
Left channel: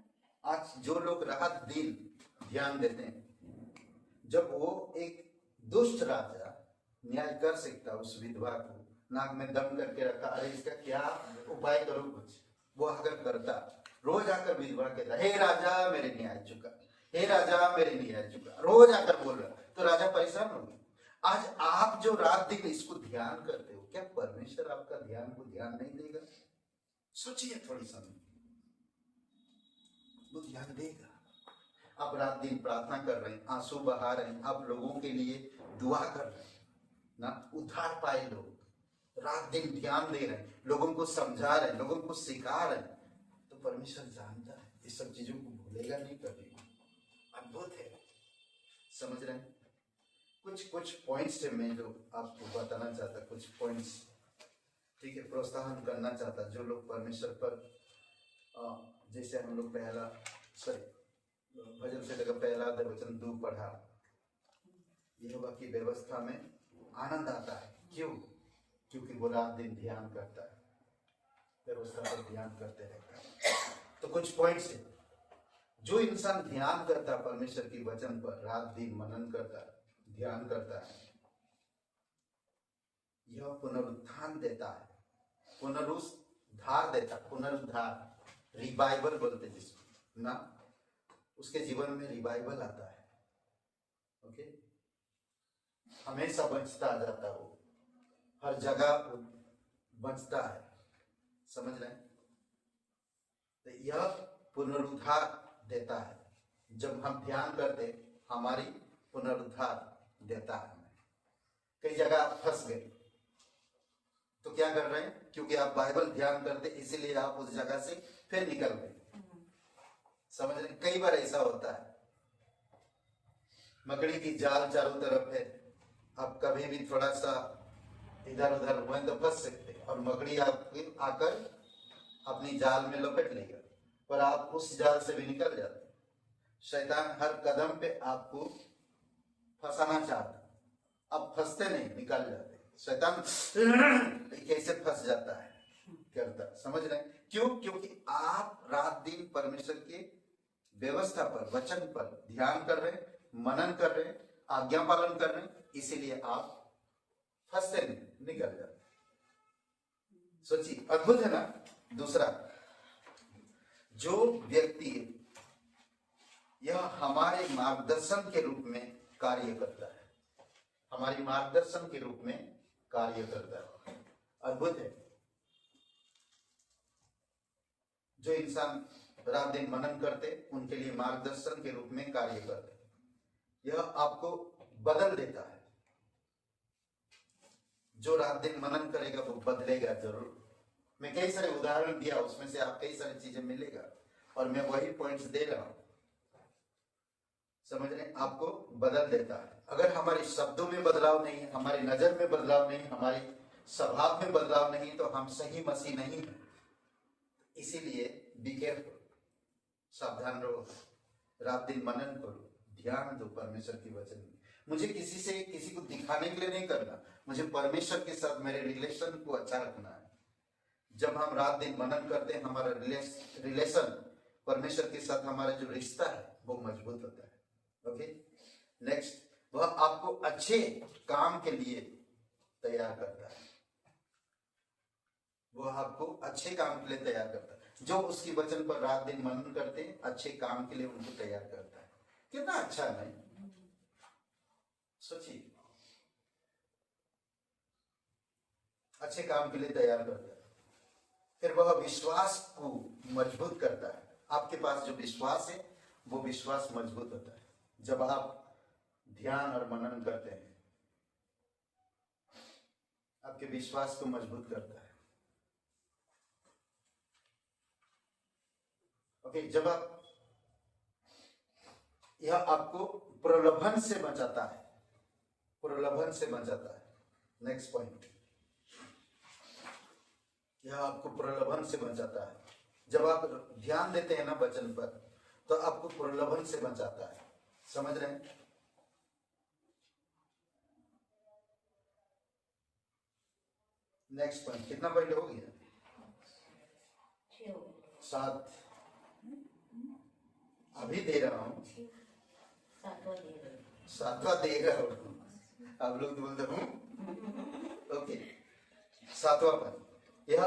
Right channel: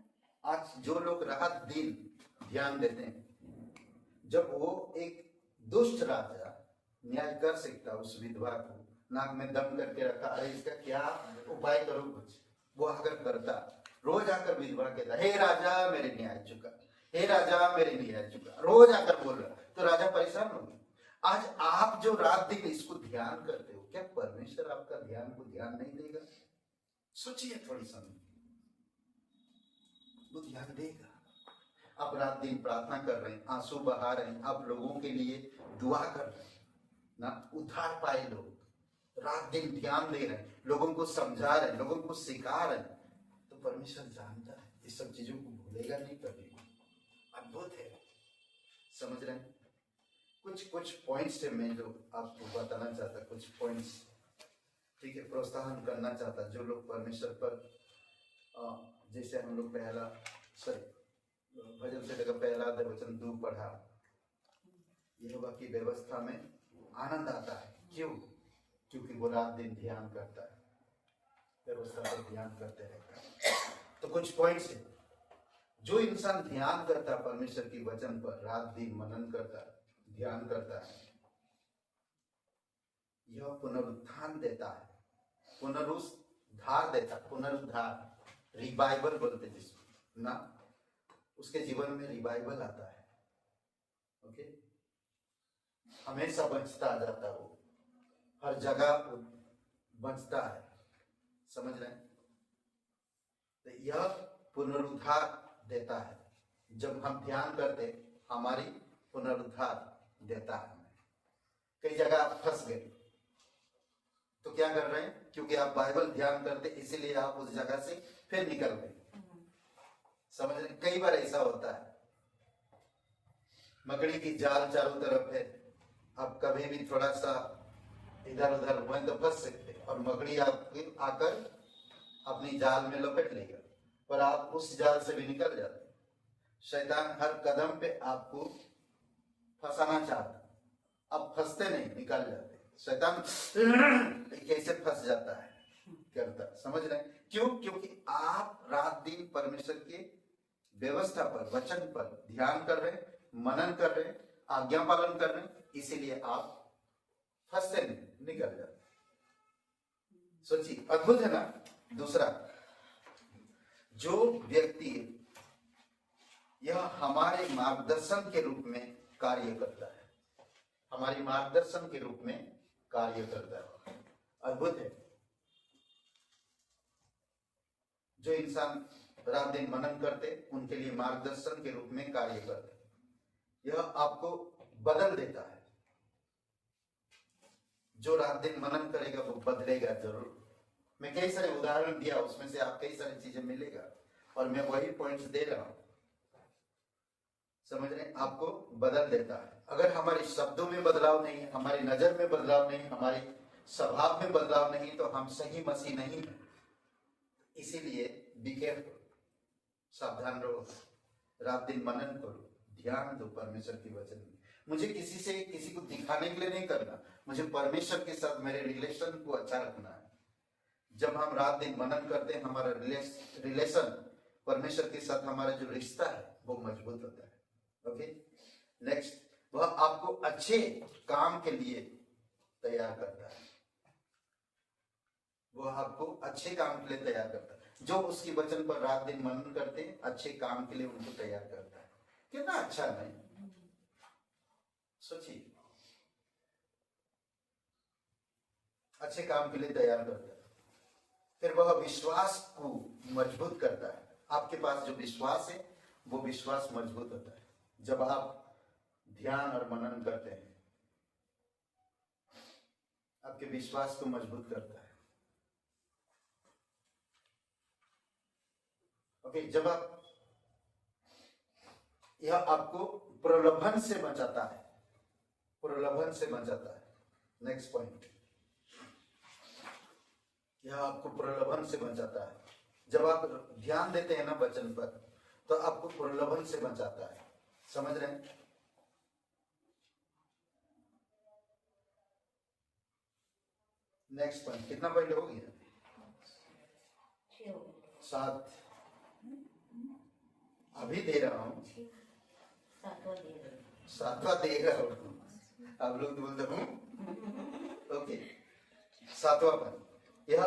आज जो लोग रात दिन ध्यान देते हैं, जब वो एक दुष्ट राजा न्याय कर सकता, उस विधवा को नाक में दम करके रखा, अरे इसका क्या उपाय करो कुछ, वो आकर करता, रोज आकर विधवा कहता, हे राजा मेरे न्याय चुका, हे राजा मेरे न्याय चुका, रोज आकर बोल रहा, तो राजा परेशान हो गया। आज आप जो रात दिन इसको ध्यान करते हो, क्या परमेश्वर आपका ध्यान को ध्यान नहीं देगा? सोचिए थोड़ी समय, वो ध्यान देगा। आप रात दिन प्रार्थना कर रहे हैं, आंसू बहा रहे हैं, आप लोगों के लिए दुआ कर रहे हैं ना, उद्धार पाए लोग, रात दिन ध्यान दे रहे हैं, लोगों को समझा रहे हैं, लोगों को सिखा रहे हैं, तो परमेश्वर जानता है ये सब चीजों को भूलेगा नहीं कभी। अद्भुत है, समझ रहे हैं? कुछ पॉइंट्स है मैं जो आपको बताना चाहता, कुछ पॉइंट्स, ठीक है, प्रोत्साहन करना चाहता जो लोग परमेश्वर पर जैसे हम लोग पहला भजन से का पहला वचन 2 पढ़ा, यहोवा की व्यवस्था में आनंद आता है। क्यों? क्योंकि वो रात दिन ध्यान करता है, व्यवस्था पर ध्यान करते रहता है। तो कुछ पॉइंट्स है, जो इंसान ध्यान करता है परमेश्वर की वचन पर, रात दिन मनन करता है, ध्यान करता है, यह पुनरुत्थान देता है, पुनरुद्धार देता है, पुनरुद्धार, रिवाइवल बोलते जिसको ना, उसके जीवन में रिवाइवल आता है। ओके, हमेशा बचता जाता है, वो हर जगह बचता है, समझ रहे हैं? तो यह पुनरुद्धार देता है, जब हम ध्यान करते हमारी पुनरुद्धार देता है। कई जगह आप फंस गए तो क्या कर रहे हैं? क्योंकि आप बाइबल ध्यान करते इसीलिए आप उस जगह से फिर निकल गए, समझ रहे? कई बार ऐसा होता है, मकड़ी की जाल चारों तरफ है, आप कभी भी थोड़ा सा इधर उधर हुए तो फंस सकते, और मकड़ी आकर अपनी जाल में लपेट लेगा, पर आप उस जाल से भी निकल जाते। शैतान हर कदम पे आपको फंसाना चाहता, अब फंसते नहीं, निकल जाते। शैतान कैसे फंस जाता है, करता, समझ रहे हैं? क्यों? क्योंकि आप रात दिन परमेश्वर के व्यवस्था पर, वचन पर ध्यान कर रहे, मनन कर रहे, आज्ञा पालन कर रहे, इसीलिए आप फंसते नहीं, निकल जाते। सोचिए, अद्भुत है ना। दूसरा, जो व्यक्ति यह हमारे मार्गदर्शन के रूप में कार्य करता है, हमारे मार्गदर्शन के रूप में कार्य करता है, अद्भुत है। जो इंसान रात दिन मनन करते, उनके लिए मार्गदर्शन के रूप में कार्य करते, यह आपको बदल देता है। जो रात दिन मनन करेगा वो बदलेगा जरूर। मैं कई सारे उदाहरण दिया, उसमें से आप कई सारी चीजें मिलेगा, और मैं वही पॉइंट्स दे रहा हूं, समझ रहे? आपको बदल देता है। अगर हमारे शब्दों में बदलाव नहीं है, हमारी नजर में बदलाव नहीं, हमारी स्वभाव में बदलाव नहीं, तो हम सही मसीह नहीं है। इसीलिए बी केयरफुल, सावधान रहो, रात दिन मनन करो, ध्यान दो परमेश्वर की वचन में। मुझे किसी को दिखाने के लिए नहीं करना, मुझे परमेश्वर के साथ मेरे रिलेशन को अच्छा रखना है। जब हम रात दिन मनन करते हैं, हमारा रिलेशन परमेश्वर के साथ, हमारा जो रिश्ता है वो मजबूत होता है। ओके, नेक्स्ट, वह आपको अच्छे काम के लिए तैयार करता है, वह आपको अच्छे काम के लिए तैयार करता है। जो उसकी वचन पर रात दिन मनन करते हैं, अच्छे काम के लिए उनको तैयार करता है। कितना अच्छा है, सोचिए, अच्छे काम के लिए तैयार करता है। फिर वह विश्वास को मजबूत करता है। आपके पास जो विश्वास है वो विश्वास मजबूत होता है जब आप ध्यान और मनन करते हैं, आपके विश्वास को मजबूत करता है। ओके, जब आप, यह आपको प्रलोभन से बचाता है, प्रलोभन से बचाता है। नेक्स्ट पॉइंट, यह आपको प्रलोभन से बचाता है। जब आप ध्यान देते हैं ना वचन पर, तो आपको प्रलोभन से बचाता है, समझ रहे हैं? नेक्स्ट पॉइंट, कितना पॉइंट हो गया? 7। अभी दे रहा हूं, 7वां दे रहा हूं, आप लोग बोल दो। ओके, 7वां पॉइंट, यह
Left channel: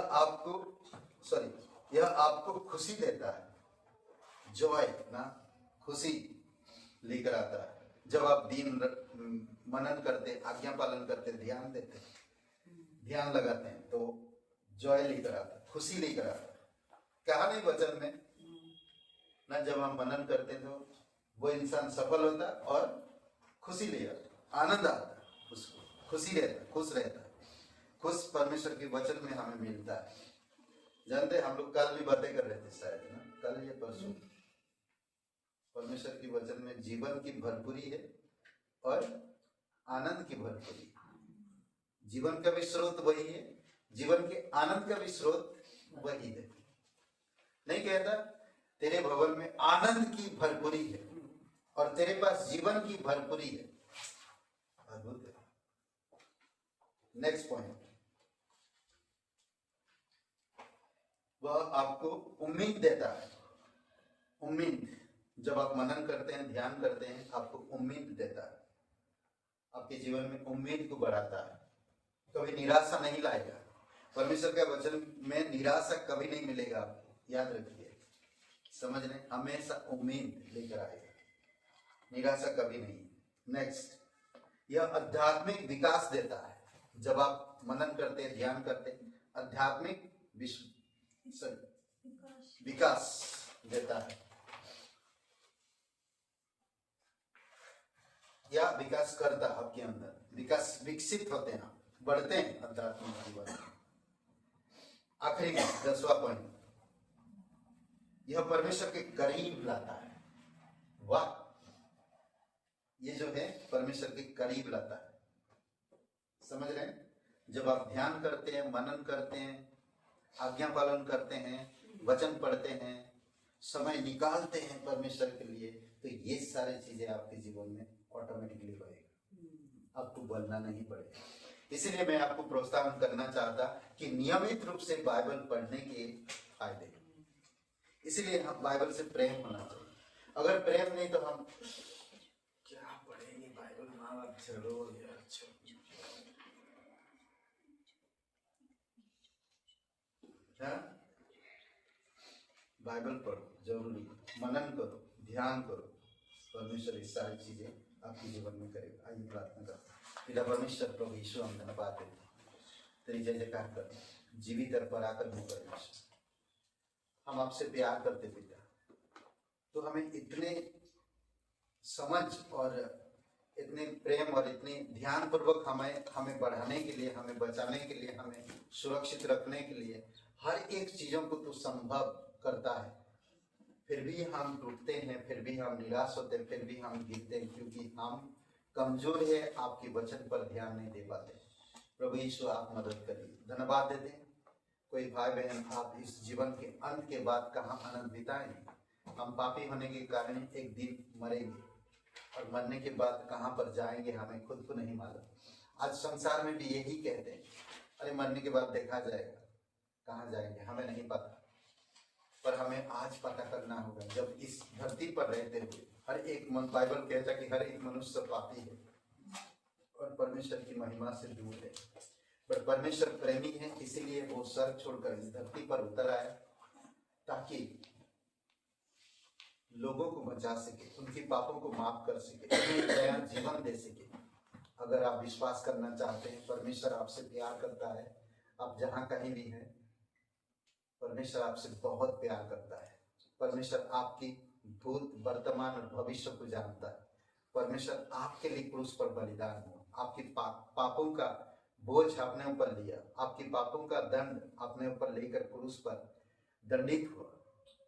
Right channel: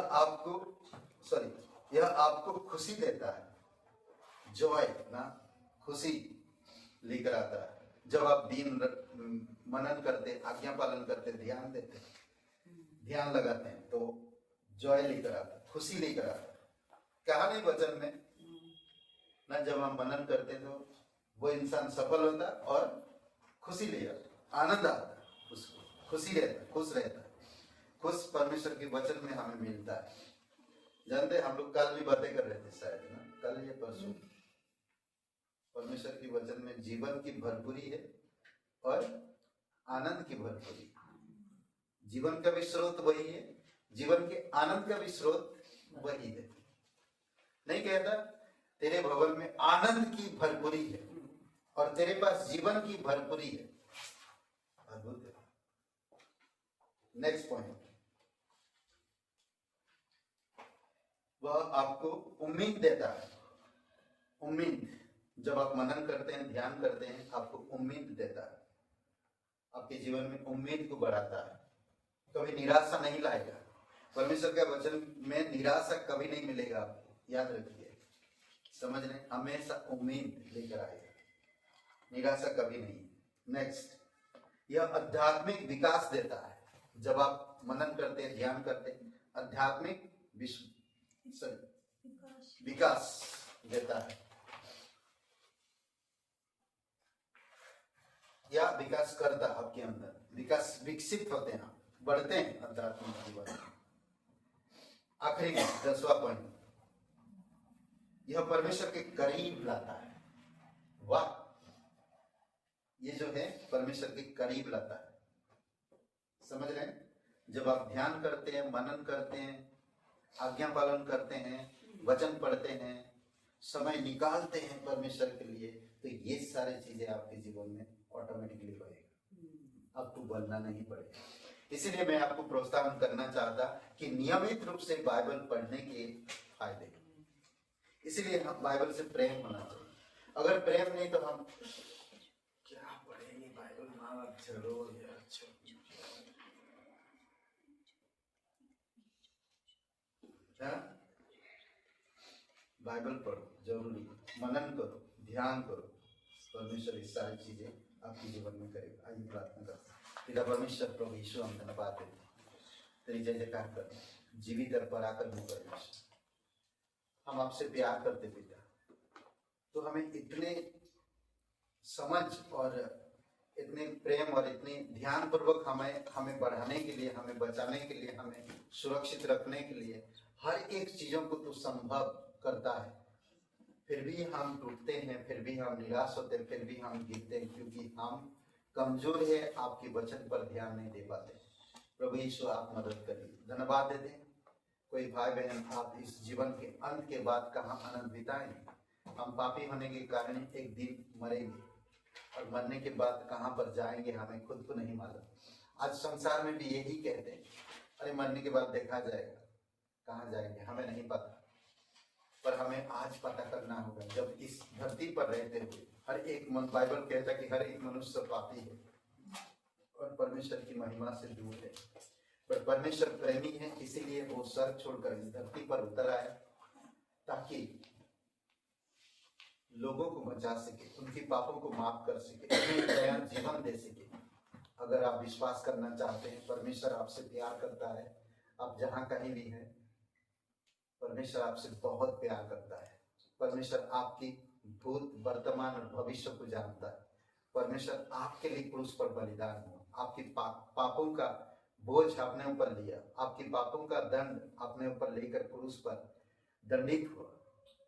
आपको खुशी देता है, जॉय ना, खुशी लेकर आता है। जब आप दिन मनन करते, आज्ञा पालन करते, ध्यान देते, ध्यान लगाते हैं, तो जॉय लेकर आता है, खुशी लेकर आता है। कहा नहीं वचन में ना, जब हम मनन करते हैं तो वो इंसान सफल होता है और खुशी ले आता है, आनंद आता है, उसको खुशी रहता है, खुश रहता है। खुश परमेश्वर के वचन में हमें मिलता है। जानते हैं, हम लोग कल भी बातें कर रहे थे शायद ना, कल या परसों, परमेश्वर के वचन में जीवन की भरपूरी है और आनंद की भरपूरी। जीवन का भी स्रोत वही है, जीवन के आनंद का भी स्रोत वही है। नहीं कहता तेरे भवन में आनंद की भरपूरी है और तेरे पास जीवन की भरपूरी है। अद्भुत है। नेक्स्ट पॉइंट, वह आपको उम्मीद देता है। उम्मीद, जब आप मनन करते हैं, ध्यान करते हैं, आपको उम्मीद देता है, आपके जीवन में उम्मीद को बढ़ाता है, कभी निराशा नहीं लाएगा। परमेश्वर का वचन में निराशा कभी नहीं मिलेगा आपको, याद रखिए। समझ लें, हमेशा उम्मीद लेकर आएगा, निराशा कभी नहीं। नेक्स्ट, यह आध्यात्मिक विकास देता है। जब आप मनन करते हैं, ध्यान करते हैं, आध्यात्मिक विकास देता है, या विकास करता है आपके अंदर, विकास, विकसित होते हैं, बढ़ते हैं आध्यात्मिक जीवन। आखिरी 10वां पॉइंट, यह परमेश्वर के करीब लाता है। वाह, ये जो है परमेश्वर के करीब लाता है। समझ रहे हैं, जब आप ध्यान करते हैं, मनन करते हैं, आज्ञा पालन करते हैं, वचन पढ़ते हैं, समय निकालते हैं परमेश्वर के लिए, तो ये सारी चीजें आपके जीवन में ऑटोमेटिकली होएगा, आपको बोलना नहीं पड़ेगा। इसलिए मैं आपको प्रोत्साहन करना चाहता कि नियमित रूप से बाइबल पढ़ने के फायदे, इसलिए हम बाइबल से प्रेम होना चाहिए। अगर प्रेम नहीं तो हम क्या पढ़ेंगे बाइबल, माँ चलो यार, बाइबल पढ़ो, जरूरी, मनन करो, ध्यान करो, परमेश्वर इस सारी चीजें आपके जीवन में करेगा। आइए प्रार्थना करते हैं। पिता परमेश्वर, प्रभु यीशु, हम धन्यवाद देते हैं, तेरी जय जयकार करते हैं, जीवित और पराक्रम हो परमेश्वर। हम आपसे प्यार करते पिता, तो हमें इतने समझ और इतने प्रेम और इतने ध्यान पूर्वक हमें बढ़ाने के लिए, हमें बचाने के लिए, हमें सुरक्षित रखने के लिए हर एक चीजों को तू संभव करता है। फिर भी हम टूटते हैं, फिर भी हम निराश होते हैं, फिर भी हम गिरते हैं, क्योंकि हम कमजोर है, आपके वचन पर ध्यान नहीं दे पाते। प्रभु यीशु, आप मदद करिए। धन्यवाद देते हैं। कोई भाई बहन आप इस जीवन के अंत के बाद कहाँ आनंद बिताएंगे? हम पापी होने के कारण एक दिन मरेंगे और मरने के बाद कहाँ पर जाएंगे हमें खुद को नहीं मालूम। आज संसार में भी यही कहते हैं, अरे मरने के बाद देखा जाएगा, कहाँ जाएंगे हमें नहीं पता। पर हमें आज पता करना होगा, जब इस धरती पर रहते हुए हर एक मन, बाइबल कहता है कि हर एक मनुष्य पापी है और परमेश्वर की महिमा से दूर है। पर परमेश्वर प्रेमी है, इसीलिए वो स्वर्ग छोड़कर इस धरती पर उतर आया ताकि लोगों को बचा सके, उनके पापों को माफ कर सके, उन्हें नया जीवन दे सके। अगर आप विश्वास करना चाहते हैं, परमेश्वर आपसे प्यार करता है, आप जहां कहीं भी हैं, परमेश्वर आपसे बहुत प्यार करता है। परमेश्वर आपकी भूत, वर्तमान और भविष्य को जानता है। परमेश्वर आपके लिए क्रूस पर बलिदान हुआ, आपके पापों का बोझ अपने ऊपर लिया, आपके पापों का दंड अपने ऊपर लेकर क्रूस पर दंडित हुआ,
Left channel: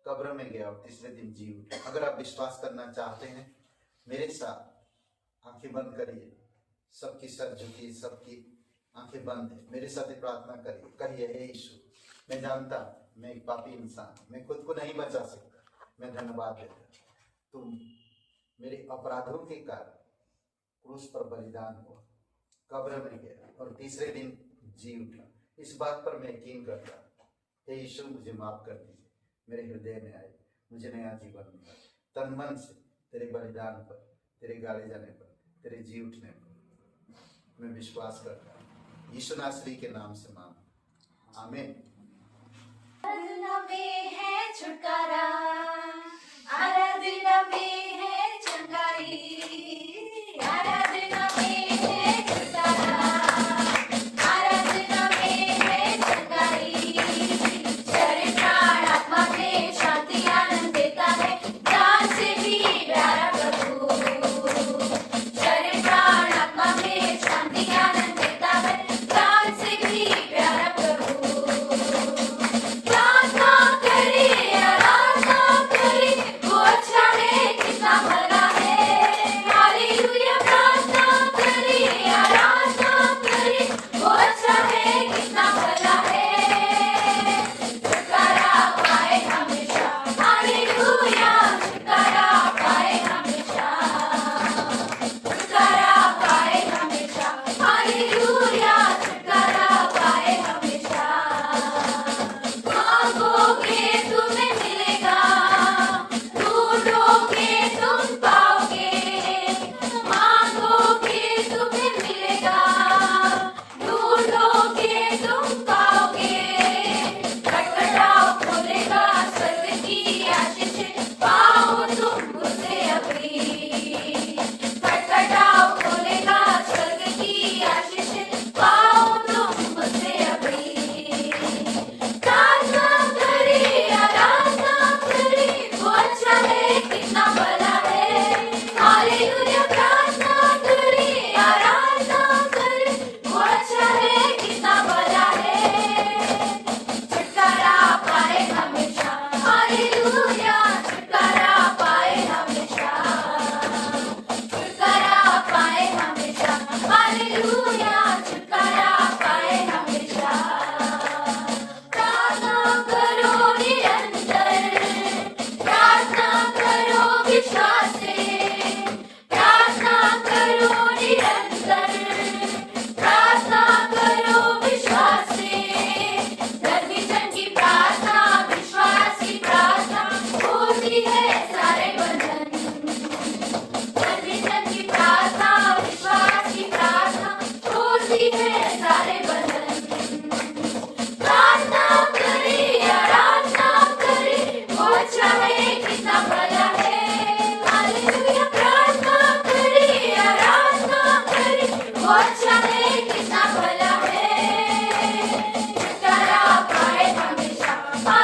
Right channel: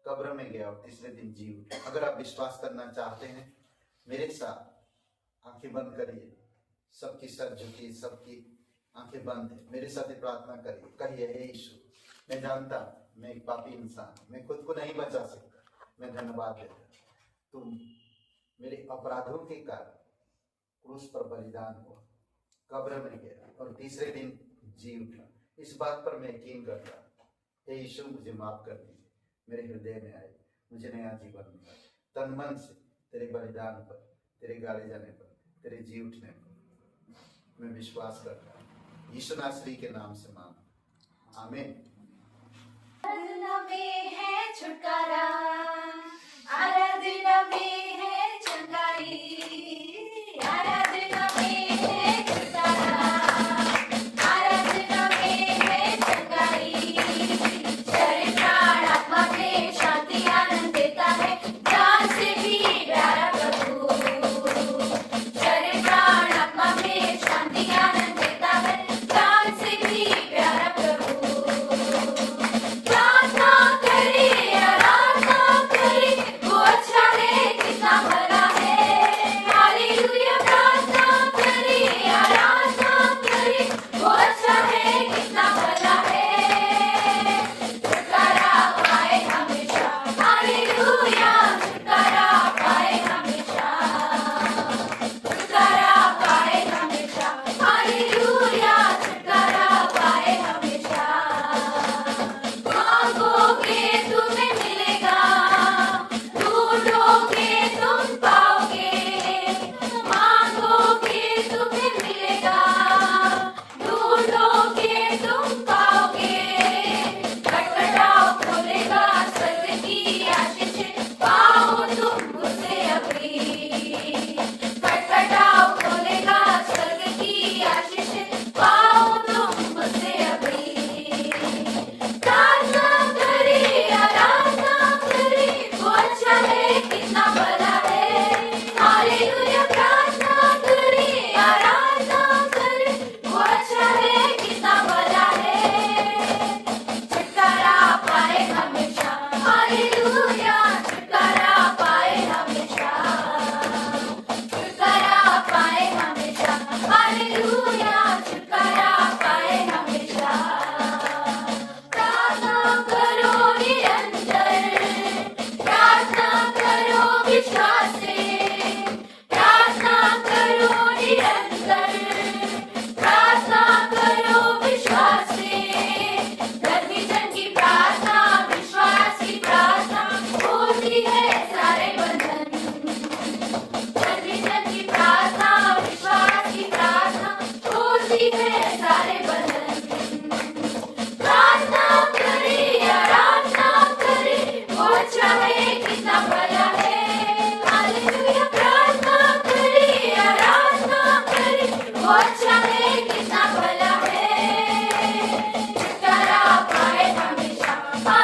कब्र में गया और तीसरे दिन जी उठा। अगर आप विश्वास करना चाहते हैं, मेरे साथ आंखें बंद करिए, सबकी सर झुकी, सबकी आंखें बंद है, मेरे साथ प्रार्थना करिए। कहिए, हे यीशु, मैं जानता मैं एक पापी इंसान, मैं खुद को नहीं बचा सकता, मैं धन्यवाद देता, तुम मेरे अपराधों के कारण क्रूस पर बलिदान हुआ, कब्र में गया और तीसरे दिन जी उठा। इस बात पर मैं यकीन करता हूँ। हे यीशु, मुझे माफ कर दीजिए, मेरे हृदय में आए, मुझे नया जीवन मिला। तन मन से तेरे बलिदान पर, तेरे गाड़े जाने पर, तेरे जी उठने पर मैं विश्वास करता हूँ। यीशु नासरी के नाम से मांग, आमीन। आराधना में है छुटकारा, आराधना में है चंगाई, आराधना में है छुटकारा, आराधना में है चंगाई। शरीर प्राण आत्मा में शांति आनंद देता है, जान से भी प्यारा प्रभु। शरीर प्राण आत्मा में शांति आनंद देता है, जान से भी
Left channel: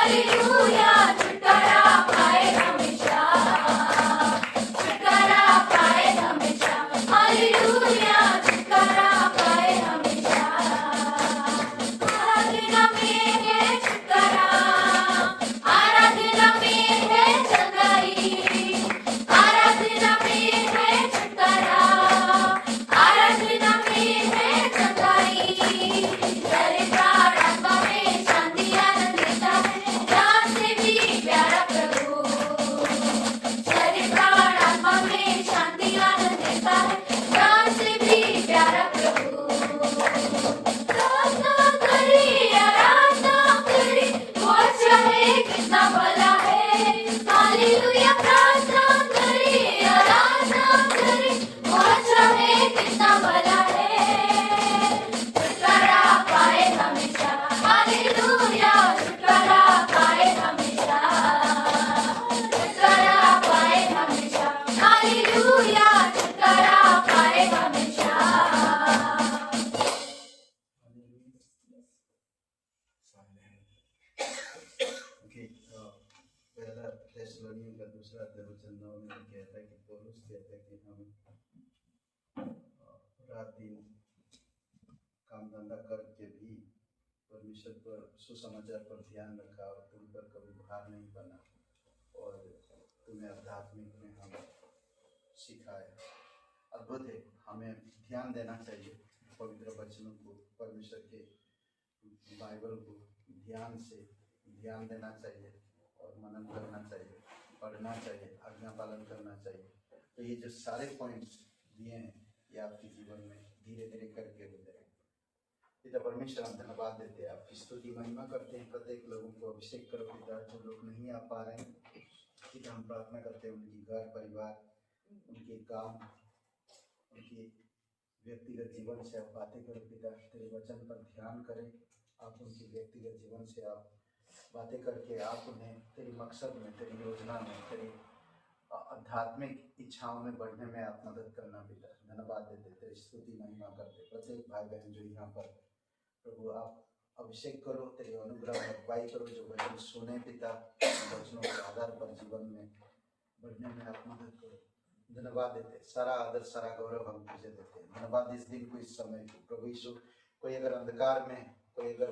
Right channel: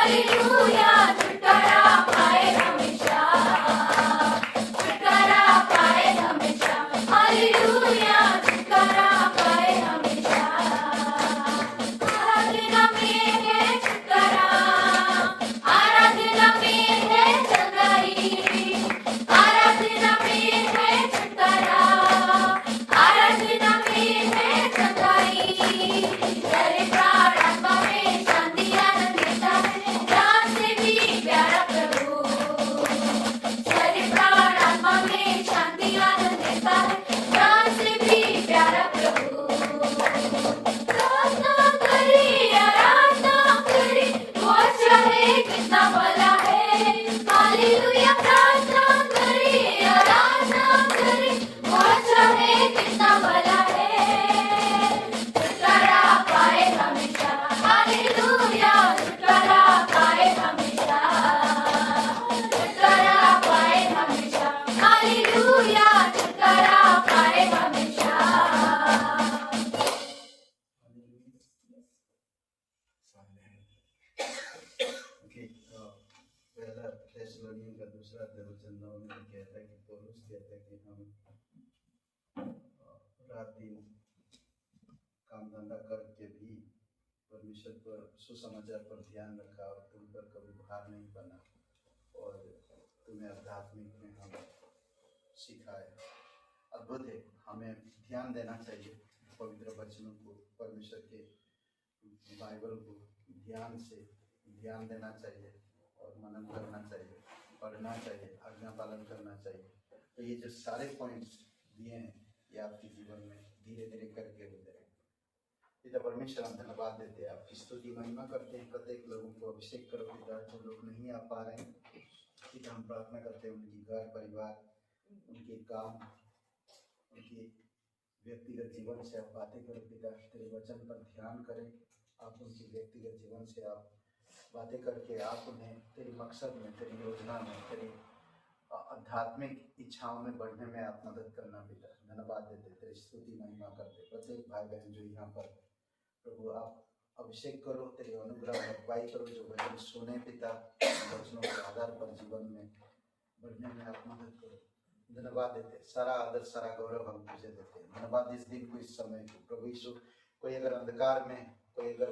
हालेलुया छुटकारा पाए हमेशा, छुटकारा पाए हमेशा, हालेलुया छुटकारा पाए हमेशा। आराधना में है छुटकारा, आराधना में है चंगाई, आराधना में है छुटकारा, आराधना में है चंगाई। शरीर प्राण आत्मा में शांति आनंद देता है, जान से भी प्यारा प्रभु। शरीर प्राण आत्मा में शांति आनंद देता है, जान से भी प्यारा प्रभु। प्रार्थना करें, आराधना करें, वो अच्छा है, कितना भला है। हालेलुया प्रार्थना करें, आराधना करें, वो अच्छा है, कितना भला है। छुटकारा पाए हमेशा, हालेलुया छुटकारा पाए हमेशा, छुटकारा पाए हमेशा, हालेलुया छुटकारा पाए हमेशा। पहला थेसलोनियन का दूसरा वचन में कहता है कि पौलुस कहता है कि हम रात दिन काम धंधा करके भी परमेश्वर पर सुसमाचार पर ध्यान रखा और तुम पर कभी भार नहीं बना और तुम्हें आध्यात्मिक में हम सिखाया। अद्भुत है, हमें ध्यान देना चाहिए पवित्र वचनों को, परमेश्वर के बाइबल को ध्यान देना चाहिए और मनन करना चाहिए, पढ़ना चाहिए, आज्ञा पालन करना चाहिए। तो ये जो सारे पॉइंट्स दिए हैं ये आपके जीवन में धीरे धीरे करके हो जाएगा। पिता परमेश्वर हम धन्यवाद देते हैं, आपकी स्तुति महिमा करते हैं। प्रत्येक लोगों को अभिषेक करो पिता, जो लोग नहीं आ पा रहे हैं पिता हम प्रार्थना करते हैं उनकी घर परिवार, उनके काम, उनकी व्यक्तिगत जीवन से आप बातें करें पिता, तेरे वचन पर ध्यान करें। आप उनकी व्यक्तिगत जीवन से आप बातें करके आप उन्हें तेरी मकसद में, तेरी योजना में, तेरी आध्यात्मिक इच्छाओं में बढ़ने में आप मदद करना पिता। धन्यवाद देते, तेरी स्तुति महिमा करते। प्रत्येक भाई बहन जो यहाँ पर प्रभु आप अभिषेक करो, तेरी अनुग्रह अगुवाई करो, जो वचन सुने पिता, वचनों के आधार पर जीवन में बढ़ने में आप मदद करो। धन्यवाद देते, सारा आदर सारा गौरव हम तुझे देते हैं। धन्यवाद इस दिन को, इस समय को प्रभु यीशु। कोई अगर अंधकार में, कोई अगर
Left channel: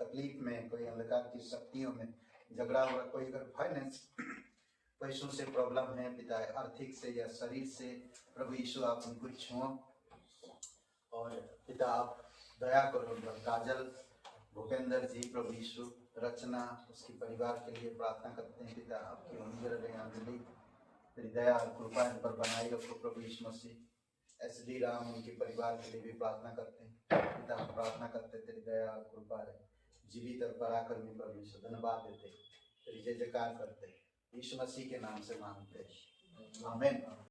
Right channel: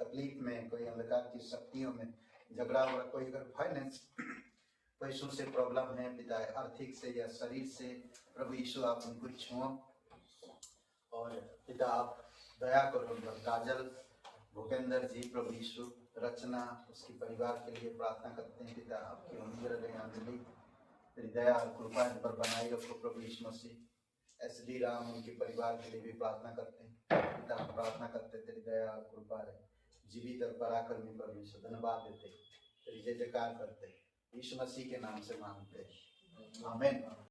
तकलीफ में, कोई अंधकार की शक्तियों में झगड़ा हुआ, कोई अगर फाइनेंस पैसों से प्रॉब्लम है पिता, आर्थिक से या शरीर से, प्रभु यीशु आप उनको छुओ और पिता आप दया करो उन पर। काजल, भूपेंद्र जी, प्रभु यीशु, रचना, उसके परिवार के लिए प्रार्थना करते हैं पिता, आपकी अनुग्रह अंजलि तेरी दया कृपा इन पर बनाई रखो प्रभु यीशु मसीह। SD राम उनके परिवार के लिए भी प्रार्थना करते हैं पिता, हम प्रार्थना करते हैं तेरी दया कृपा रहे, जीवित और पराक्रमी परमेश्वर। धन्यवाद देते, तेरी जय जयकार करते, यीशु मसीह के नाम से मांगते हैं, आमीन।